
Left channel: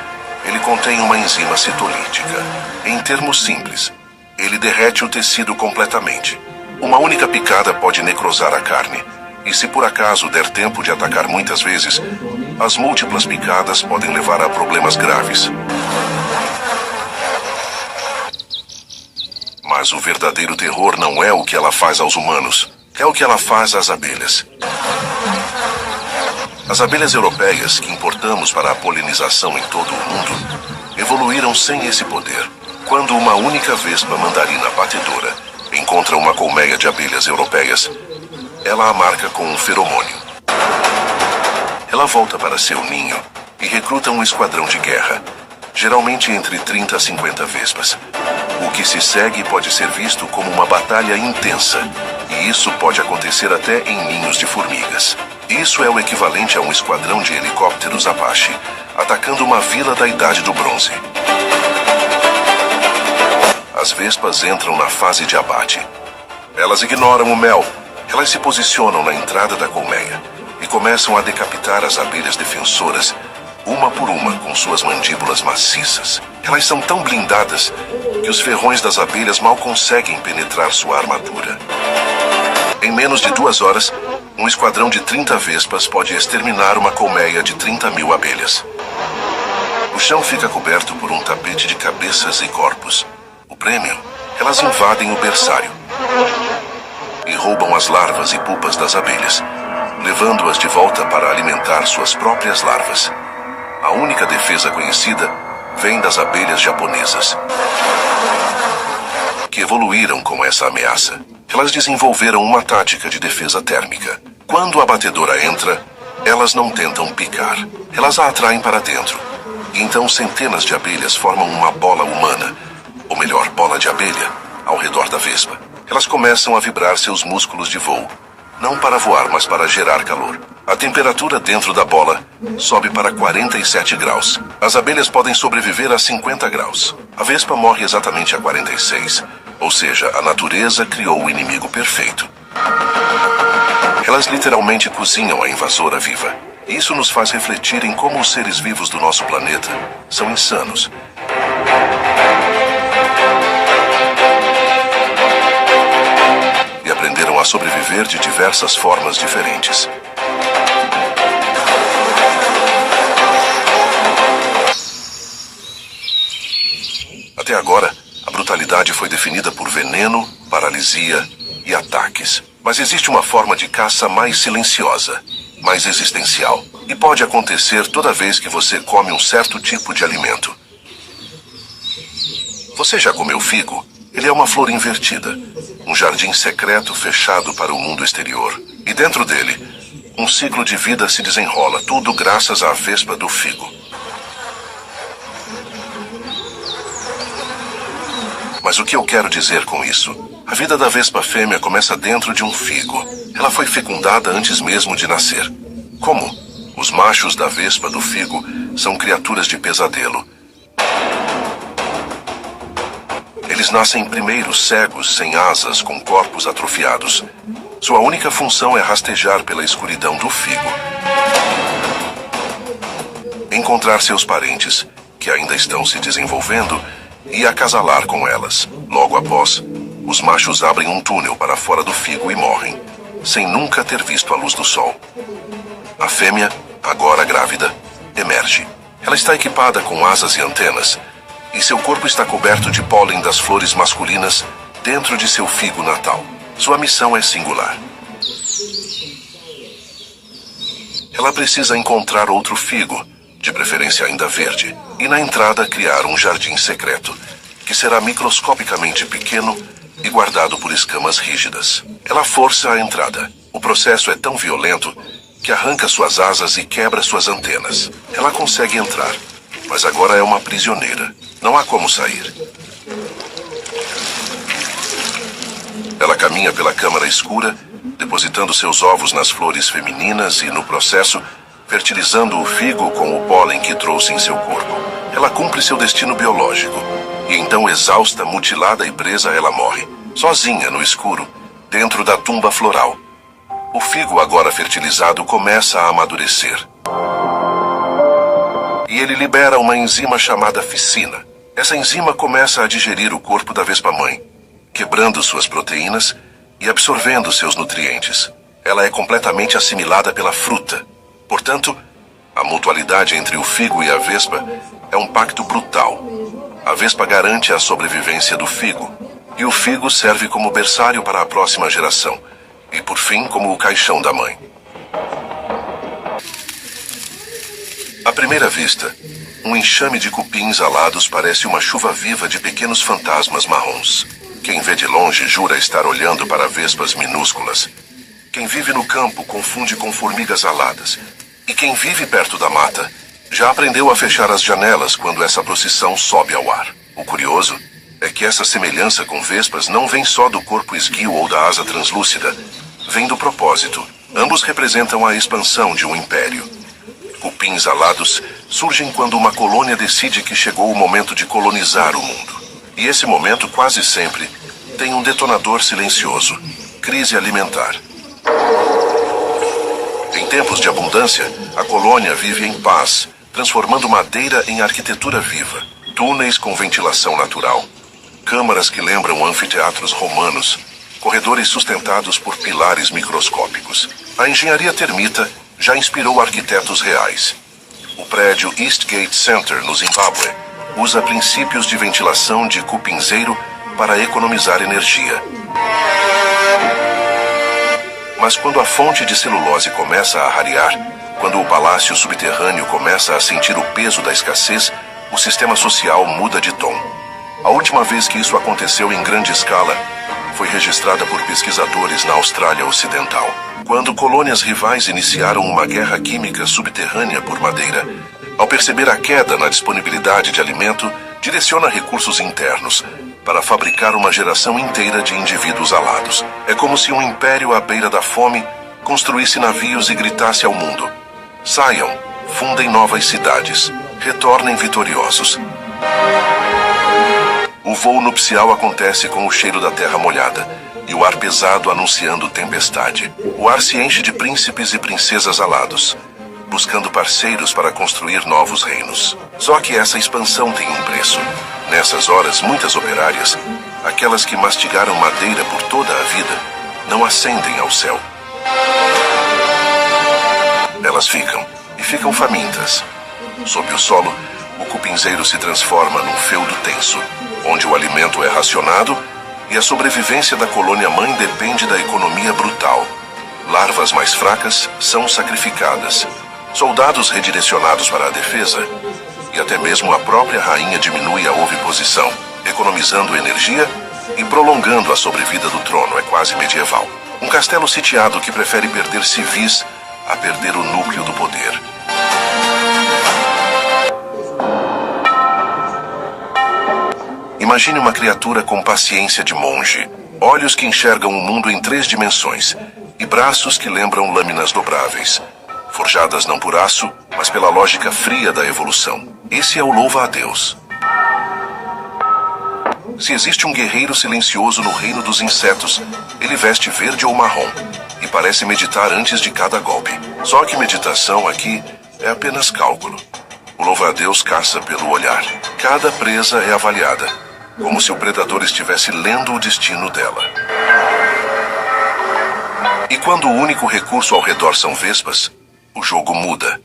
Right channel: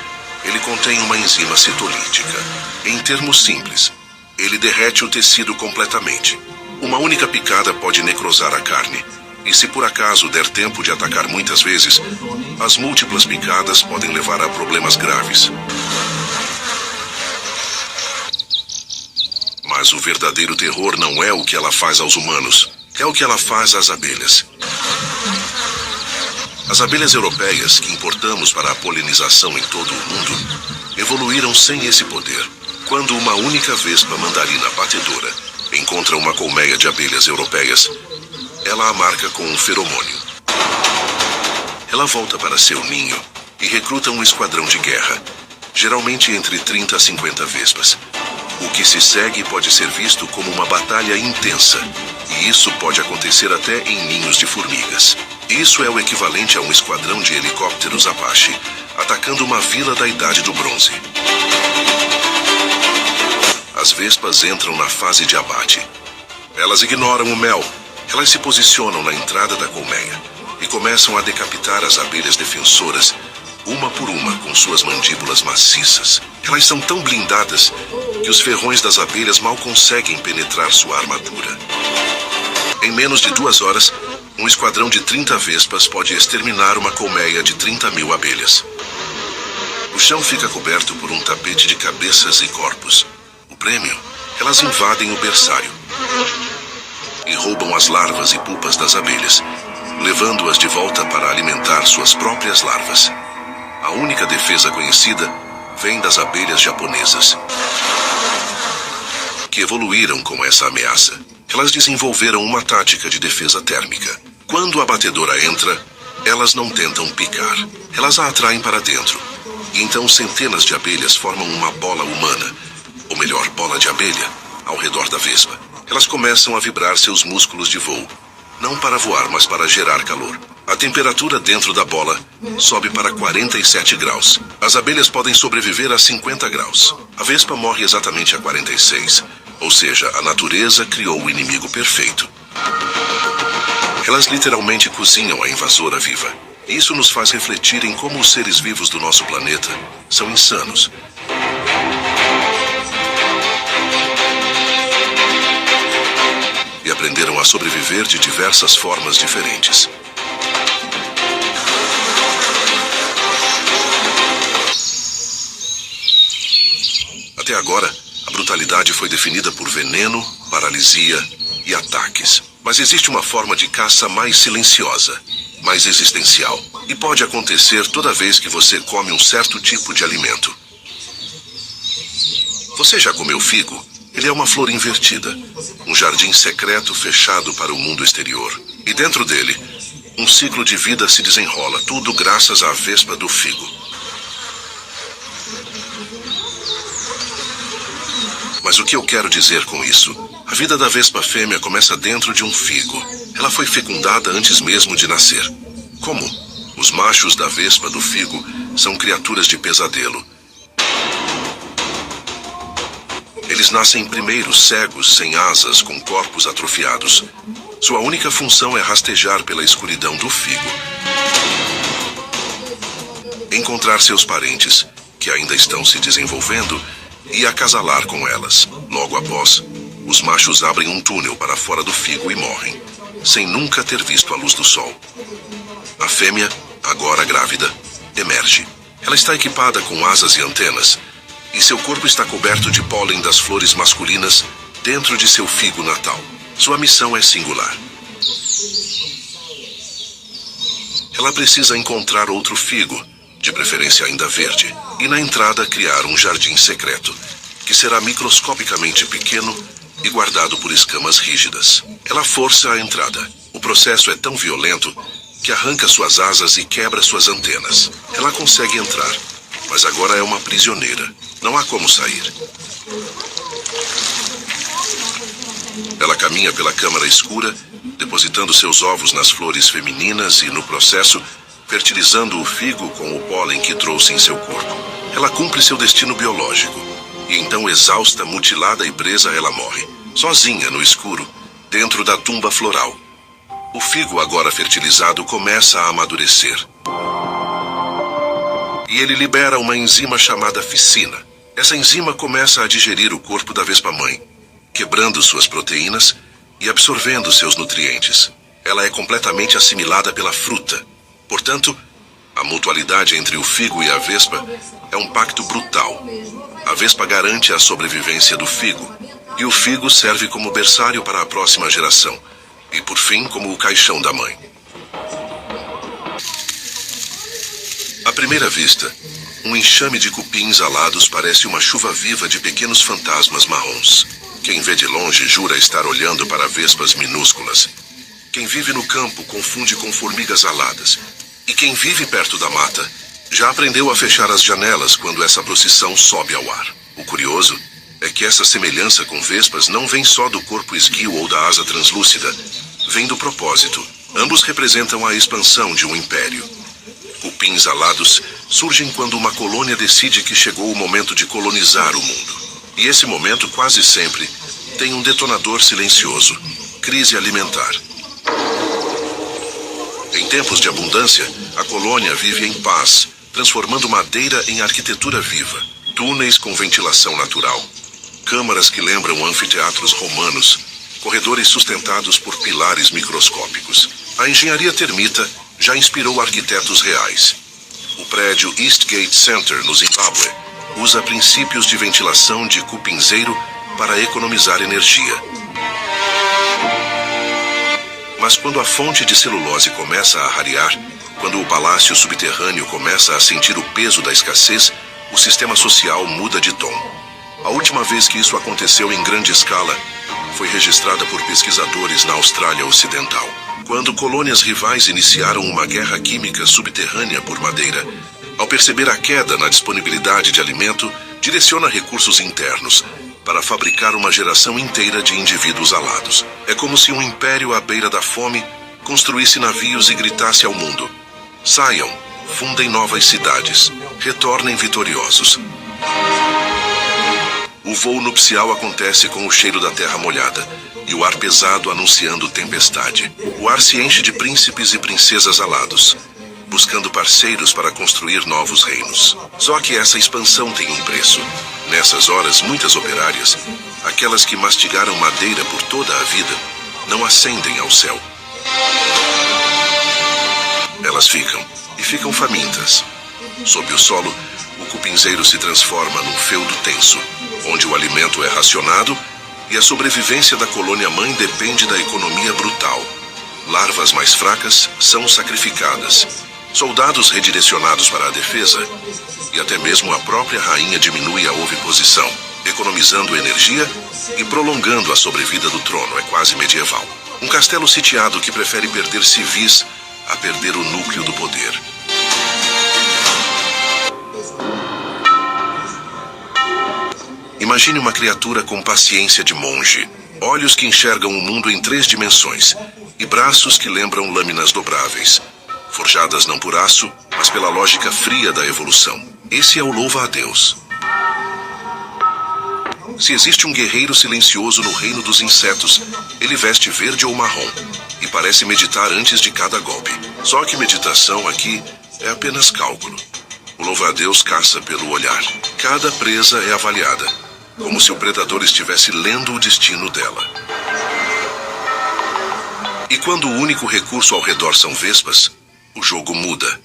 ele contém uma enzima citolítica. Em termos simples, ele derrete o tecido completamente. Uma única picada pode necrosar a carne. E se por acaso der tempo de atacar muitas vezes, as múltiplas picadas podem levar a problemas graves. Mas o verdadeiro terror não é o que ela faz aos humanos, é o que ela faz às abelhas. As abelhas europeias, que importamos para a polinização em todo o mundo, evoluíram sem esse poder. Quando uma única vespa mandarina batedora encontra uma colmeia de abelhas europeias, ela a marca com um feromônio. Ela volta para seu ninho e recruta um esquadrão de guerra, geralmente entre 30 a 50 vespas. O que se segue pode ser visto como uma batalha intensa, e isso pode acontecer até em ninhos de formigas. Isso é o equivalente a um esquadrão de helicópteros Apache atacando uma vila da Idade do Bronze. As vespas entram na fase de abate. Elas ignoram o mel. Elas se posicionam na entrada da colmeia e começam a decapitar as abelhas defensoras, uma por uma, com suas mandíbulas maciças. Elas são tão blindadas que os ferrões das abelhas mal conseguem penetrar sua armadura. Em menos de 2 horas, um esquadrão de 30 vespas pode exterminar uma colmeia de 30 mil abelhas. O chão fica coberto por um tapete de cabeças e corpos. O prêmio? Elas invadem o berçário e roubam as larvas e pupas das abelhas, levando-as de volta para alimentar suas próprias larvas. A única defesa conhecida vem das abelhas japonesas, que evoluíram com essa ameaça. Elas desenvolveram uma tática de defesa térmica. Quando a batedora entra, elas não tentam picar. Elas a atraem para dentro. E então centenas de abelhas formam uma bola humana, ou melhor, bola de abelha, ao redor da vespa. Elas começam a vibrar seus músculos de voo, não para voar, mas para gerar calor. A temperatura dentro da bola sobe para 47 graus. As abelhas podem sobreviver a 50 graus. A vespa morre exatamente a 46, ou seja, a natureza criou o inimigo perfeito. Elas literalmente cozinham a invasora viva. Isso nos faz refletir em como os seres vivos do nosso planeta são insanos. E aprenderam a sobreviver de diversas formas diferentes. Até agora, a brutalidade foi definida por veneno, paralisia e ataques. Mas existe uma forma de caça mais silenciosa, mais existencial. E pode acontecer toda vez que você come um certo tipo de alimento. Você já comeu figo? Ele é uma flor invertida, um jardim secreto fechado para o mundo exterior. E dentro dele, um ciclo de vida se desenrola, tudo graças à vespa do figo. Mas o que eu quero dizer com isso? A vida da vespa fêmea começa dentro de um figo. Ela foi fecundada antes mesmo de nascer. Como? Os machos da vespa do figo são criaturas de pesadelo. Eles nascem primeiro cegos, sem asas, com corpos atrofiados. Sua única função é rastejar pela escuridão do figo. Encontrar seus parentes, que ainda estão se desenvolvendo, e acasalar com elas. Logo após, os machos abrem um túnel para fora do figo e morrem, sem nunca ter visto a luz do sol. A fêmea, agora grávida, emerge. Ela está equipada com asas e antenas, e seu corpo está coberto de pólen das flores masculinas dentro de seu figo natal. Sua missão é singular. Ela precisa encontrar outro figo, de preferência ainda verde, e na entrada criar um jardim secreto, que será microscopicamente pequeno e guardado por escamas rígidas. Ela força a entrada. O processo é tão violento que arranca suas asas e quebra suas antenas. Ela consegue entrar, mas agora é uma prisioneira. Não há como sair. Ela caminha pela câmara escura, depositando seus ovos nas flores femininas e, no processo, fertilizando o figo com o pólen que trouxe em seu corpo. Ela cumpre seu destino biológico, e então, exausta, mutilada e presa, ela morre, sozinha no escuro, dentro da tumba floral. O figo, agora fertilizado, começa a amadurecer. E ele libera uma enzima chamada ficina. Essa enzima começa a digerir o corpo da vespa-mãe, quebrando suas proteínas e absorvendo seus nutrientes. Ela é completamente assimilada pela fruta. Portanto, a mutualidade entre o figo e a vespa é um pacto brutal. A vespa garante a sobrevivência do figo, e o figo serve como berçário para a próxima geração, e por fim como o caixão da mãe. À primeira vista, um enxame de cupins alados parece uma chuva viva de pequenos fantasmas marrons. Quem vê de longe jura estar olhando para vespas minúsculas. Quem vive no campo confunde com formigas aladas. E quem vive perto da mata já aprendeu a fechar as janelas quando essa procissão sobe ao ar. O curioso é que essa semelhança com vespas não vem só do corpo esguio ou da asa translúcida, vem do propósito. Ambos representam a expansão de um império. Cupins alados surgem quando uma colônia decide que chegou o momento de colonizar o mundo. E esse momento, quase sempre, tem um detonador silencioso: crise alimentar. Em tempos de abundância, a colônia vive em paz, transformando madeira em arquitetura viva. Túneis com ventilação natural, câmaras que lembram anfiteatros romanos, corredores sustentados por pilares microscópicos. A engenharia termita já inspirou arquitetos reais. O prédio Eastgate Center, no Zimbábue, usa princípios de ventilação de cupinzeiro para economizar energia. Mas quando a fonte de celulose começa a rarear, quando o palácio subterrâneo começa a sentir o peso da escassez, o sistema social muda de tom. A última vez que isso aconteceu em grande escala foi registrada por pesquisadores na Austrália Ocidental, quando colônias rivais iniciaram uma guerra química subterrânea por madeira. Ao perceber a queda na disponibilidade de alimento, direciona recursos internos para fabricar uma geração inteira de indivíduos alados. É como se um império à beira da fome construísse navios e gritasse ao mundo: saiam, fundem novas cidades, retornem vitoriosos. O voo nupcial acontece com o cheiro da terra molhada e o ar pesado anunciando tempestade. O ar se enche de príncipes e princesas alados, buscando parceiros para construir novos reinos. Só que essa expansão tem um preço. Nessas horas, muitas operárias, aquelas que mastigaram madeira por toda a vida, não ascendem ao céu. Elas ficam famintas. Sob o solo, o cupinzeiro se transforma num feudo tenso, onde o alimento é racionado e a sobrevivência da colônia-mãe depende da economia brutal. Larvas mais fracas são sacrificadas, soldados redirecionados para a defesa, e até mesmo a própria rainha diminui a oviposição, economizando energia e prolongando a sobrevida do trono. É quase medieval. Um castelo sitiado que prefere perder civis a perder o núcleo do poder. Imagine uma criatura com paciência de monge, olhos que enxergam o mundo em 3 dimensões e braços que lembram lâminas dobráveis, forjadas não por aço, mas pela lógica fria da evolução. Esse é o louva-a-Deus. Se existe um guerreiro silencioso no reino dos insetos, ele veste verde ou marrom e parece meditar antes de cada golpe. Só que meditação aqui é apenas cálculo. O louva-a-Deus caça pelo olhar. Cada presa é avaliada, como se o predador estivesse lendo o destino dela. E quando o único recurso ao redor são vespas, o jogo muda.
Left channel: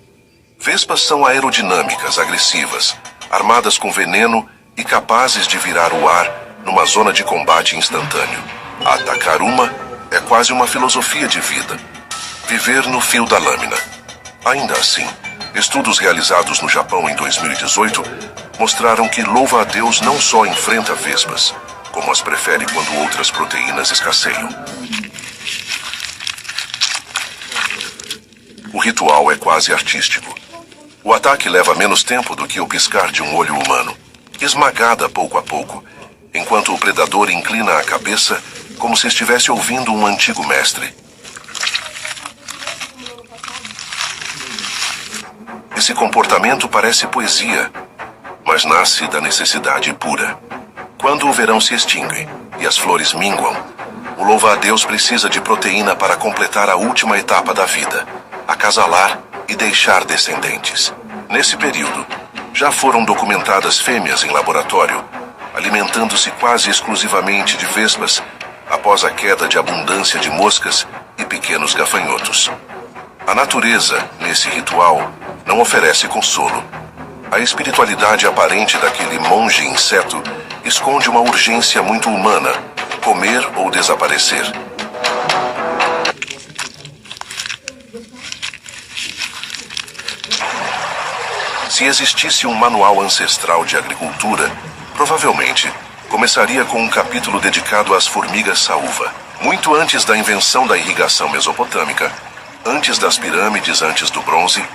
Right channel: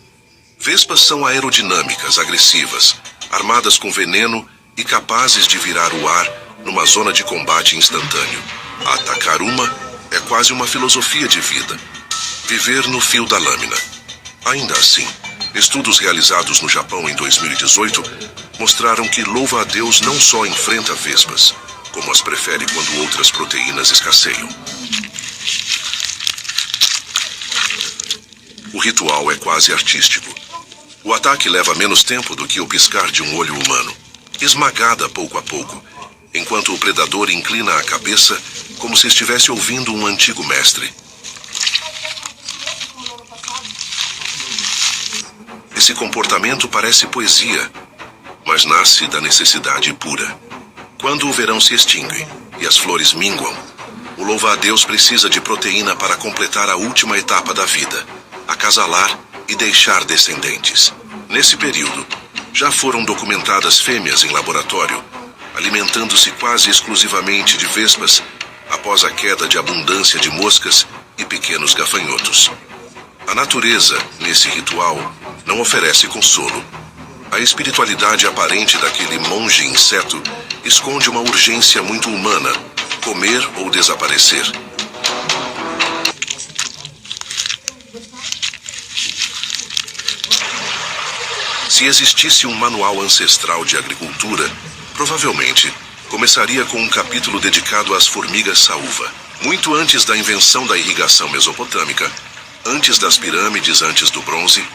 Vespas são aerodinâmicas, agressivas, armadas com veneno e capazes de virar o ar numa zona de combate instantâneo. Atacar uma é quase uma filosofia de vida. Viver no fio da lâmina. Ainda assim, estudos realizados no Japão em 2018 mostraram que louva-a-Deus não só enfrenta vespas, como as prefere quando outras proteínas escasseiam. O ritual é quase artístico. O ataque leva menos tempo do que o piscar de um olho humano, esmagada pouco a pouco, enquanto o predador inclina a cabeça como se estivesse ouvindo um antigo mestre. Esse comportamento parece poesia, mas nasce da necessidade pura. Quando o verão se extingue e as flores minguam, o louva-a-Deus precisa de proteína para completar a última etapa da vida, acasalar e deixar descendentes. Nesse período, já foram documentadas fêmeas em laboratório, alimentando-se quase exclusivamente de vespas após a queda de abundância de moscas e pequenos gafanhotos. A natureza, nesse ritual, não oferece consolo. A espiritualidade aparente daquele monge inseto esconde uma urgência muito humana: comer ou desaparecer. Se existisse um manual ancestral de agricultura, provavelmente começaria com um capítulo dedicado às formigas saúva. Muito antes da invenção da irrigação mesopotâmica, antes das pirâmides, antes do bronze,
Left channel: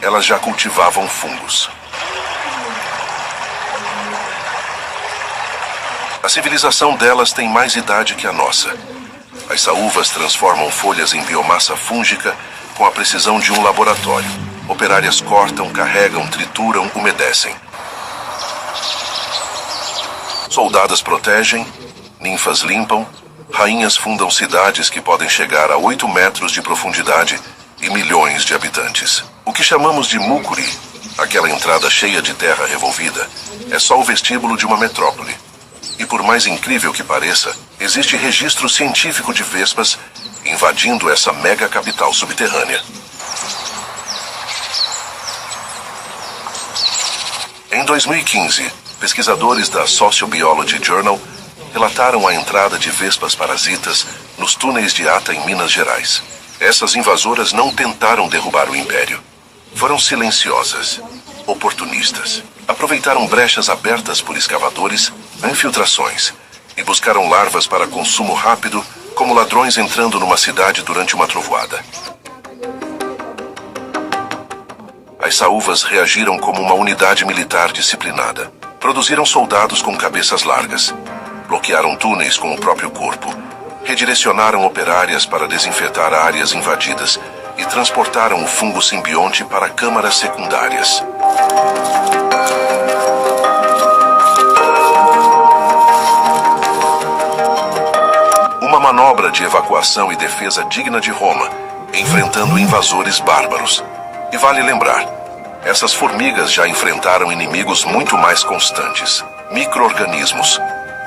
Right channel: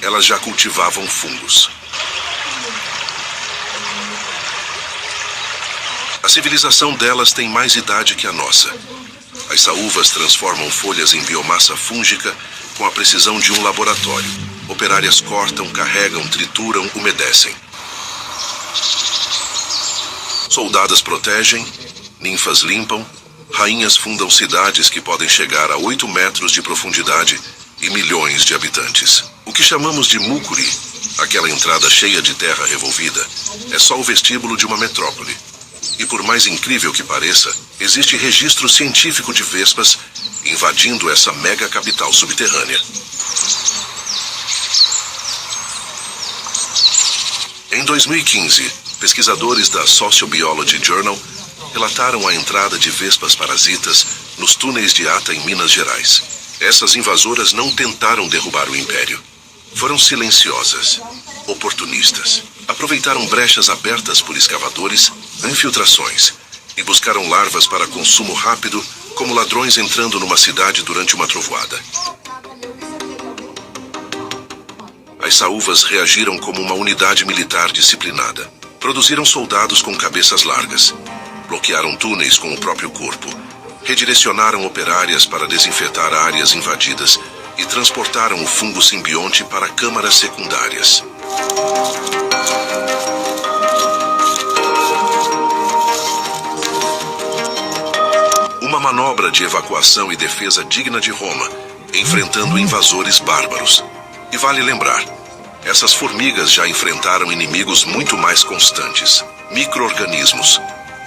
elas já cultivavam fungos. A civilização delas tem mais idade que a nossa. As saúvas transformam folhas em biomassa fúngica com a precisão de um laboratório. Operárias cortam, carregam, trituram, umedecem. Soldadas protegem, ninfas limpam, rainhas fundam cidades que podem chegar a 8 metros de profundidade e milhões de habitantes. O que chamamos de mucuri, aquela entrada cheia de terra revolvida, é só o vestíbulo de uma metrópole. E por mais incrível que pareça, existe registro científico de vespas invadindo essa mega capital subterrânea. Em 2015, pesquisadores da Sociobiology Journal relataram a entrada de vespas parasitas nos túneis de Ata em Minas Gerais. Essas invasoras não tentaram derrubar o império. Foram silenciosas, oportunistas. Aproveitaram brechas abertas por escavadores, infiltrações, e buscaram larvas para consumo rápido, como ladrões entrando numa cidade durante uma trovoada. As saúvas reagiram como uma unidade militar disciplinada. Produziram soldados com cabeças largas. Bloquearam túneis com o próprio corpo. Redirecionaram operárias para desinfetar áreas invadidas e transportaram o fungo simbionte para câmaras secundárias. Uma manobra de evacuação e defesa digna de Roma, enfrentando invasores bárbaros. E vale lembrar, essas formigas já enfrentaram inimigos muito mais constantes, micro-organismos.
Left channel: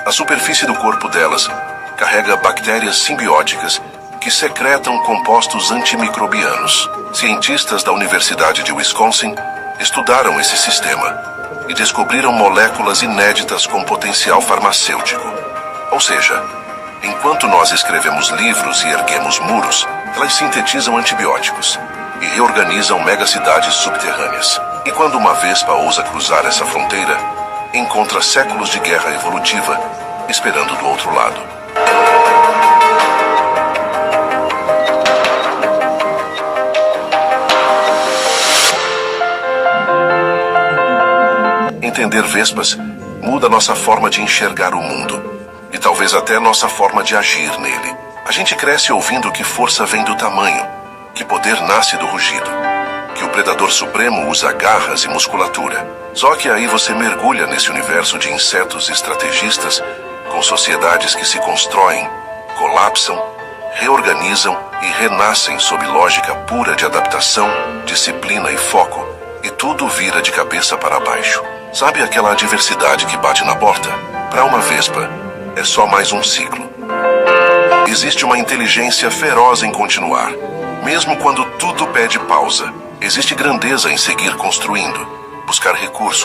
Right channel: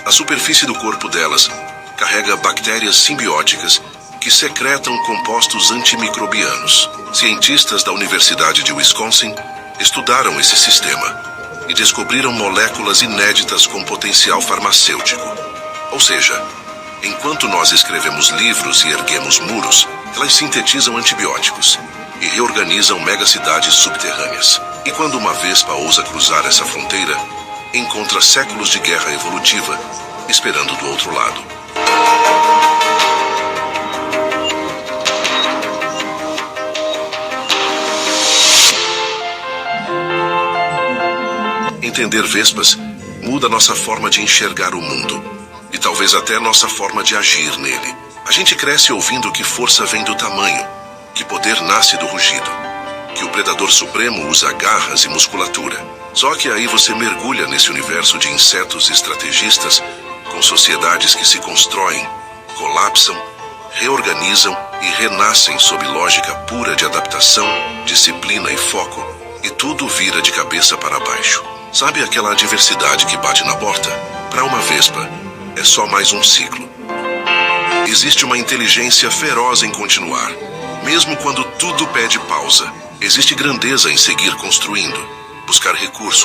A superfície do corpo delas carrega bactérias simbióticas que secretam compostos antimicrobianos. Cientistas da Universidade de Wisconsin estudaram esse sistema e descobriram moléculas inéditas com potencial farmacêutico. Ou seja, enquanto nós escrevemos livros e erguemos muros, elas sintetizam antibióticos e reorganizam megacidades subterrâneas. E quando uma vespa ousa cruzar essa fronteira, encontra séculos de guerra evolutiva esperando do outro lado. Entender vespas muda nossa forma de enxergar o mundo e talvez até nossa forma de agir nele. A gente cresce ouvindo que força vem do tamanho, que poder nasce do rugido, que o predador supremo usa garras e musculatura. Só que aí você mergulha nesse universo de insetos estrategistas com sociedades que se constroem, colapsam, reorganizam e renascem sob lógica pura de adaptação, disciplina e foco, e tudo vira de cabeça para baixo. Sabe aquela adversidade que bate na porta? Para uma vespa, é só mais um ciclo. Existe uma inteligência feroz em continuar, mesmo quando tudo pede pausa. Existe grandeza em seguir construindo, buscar recursos,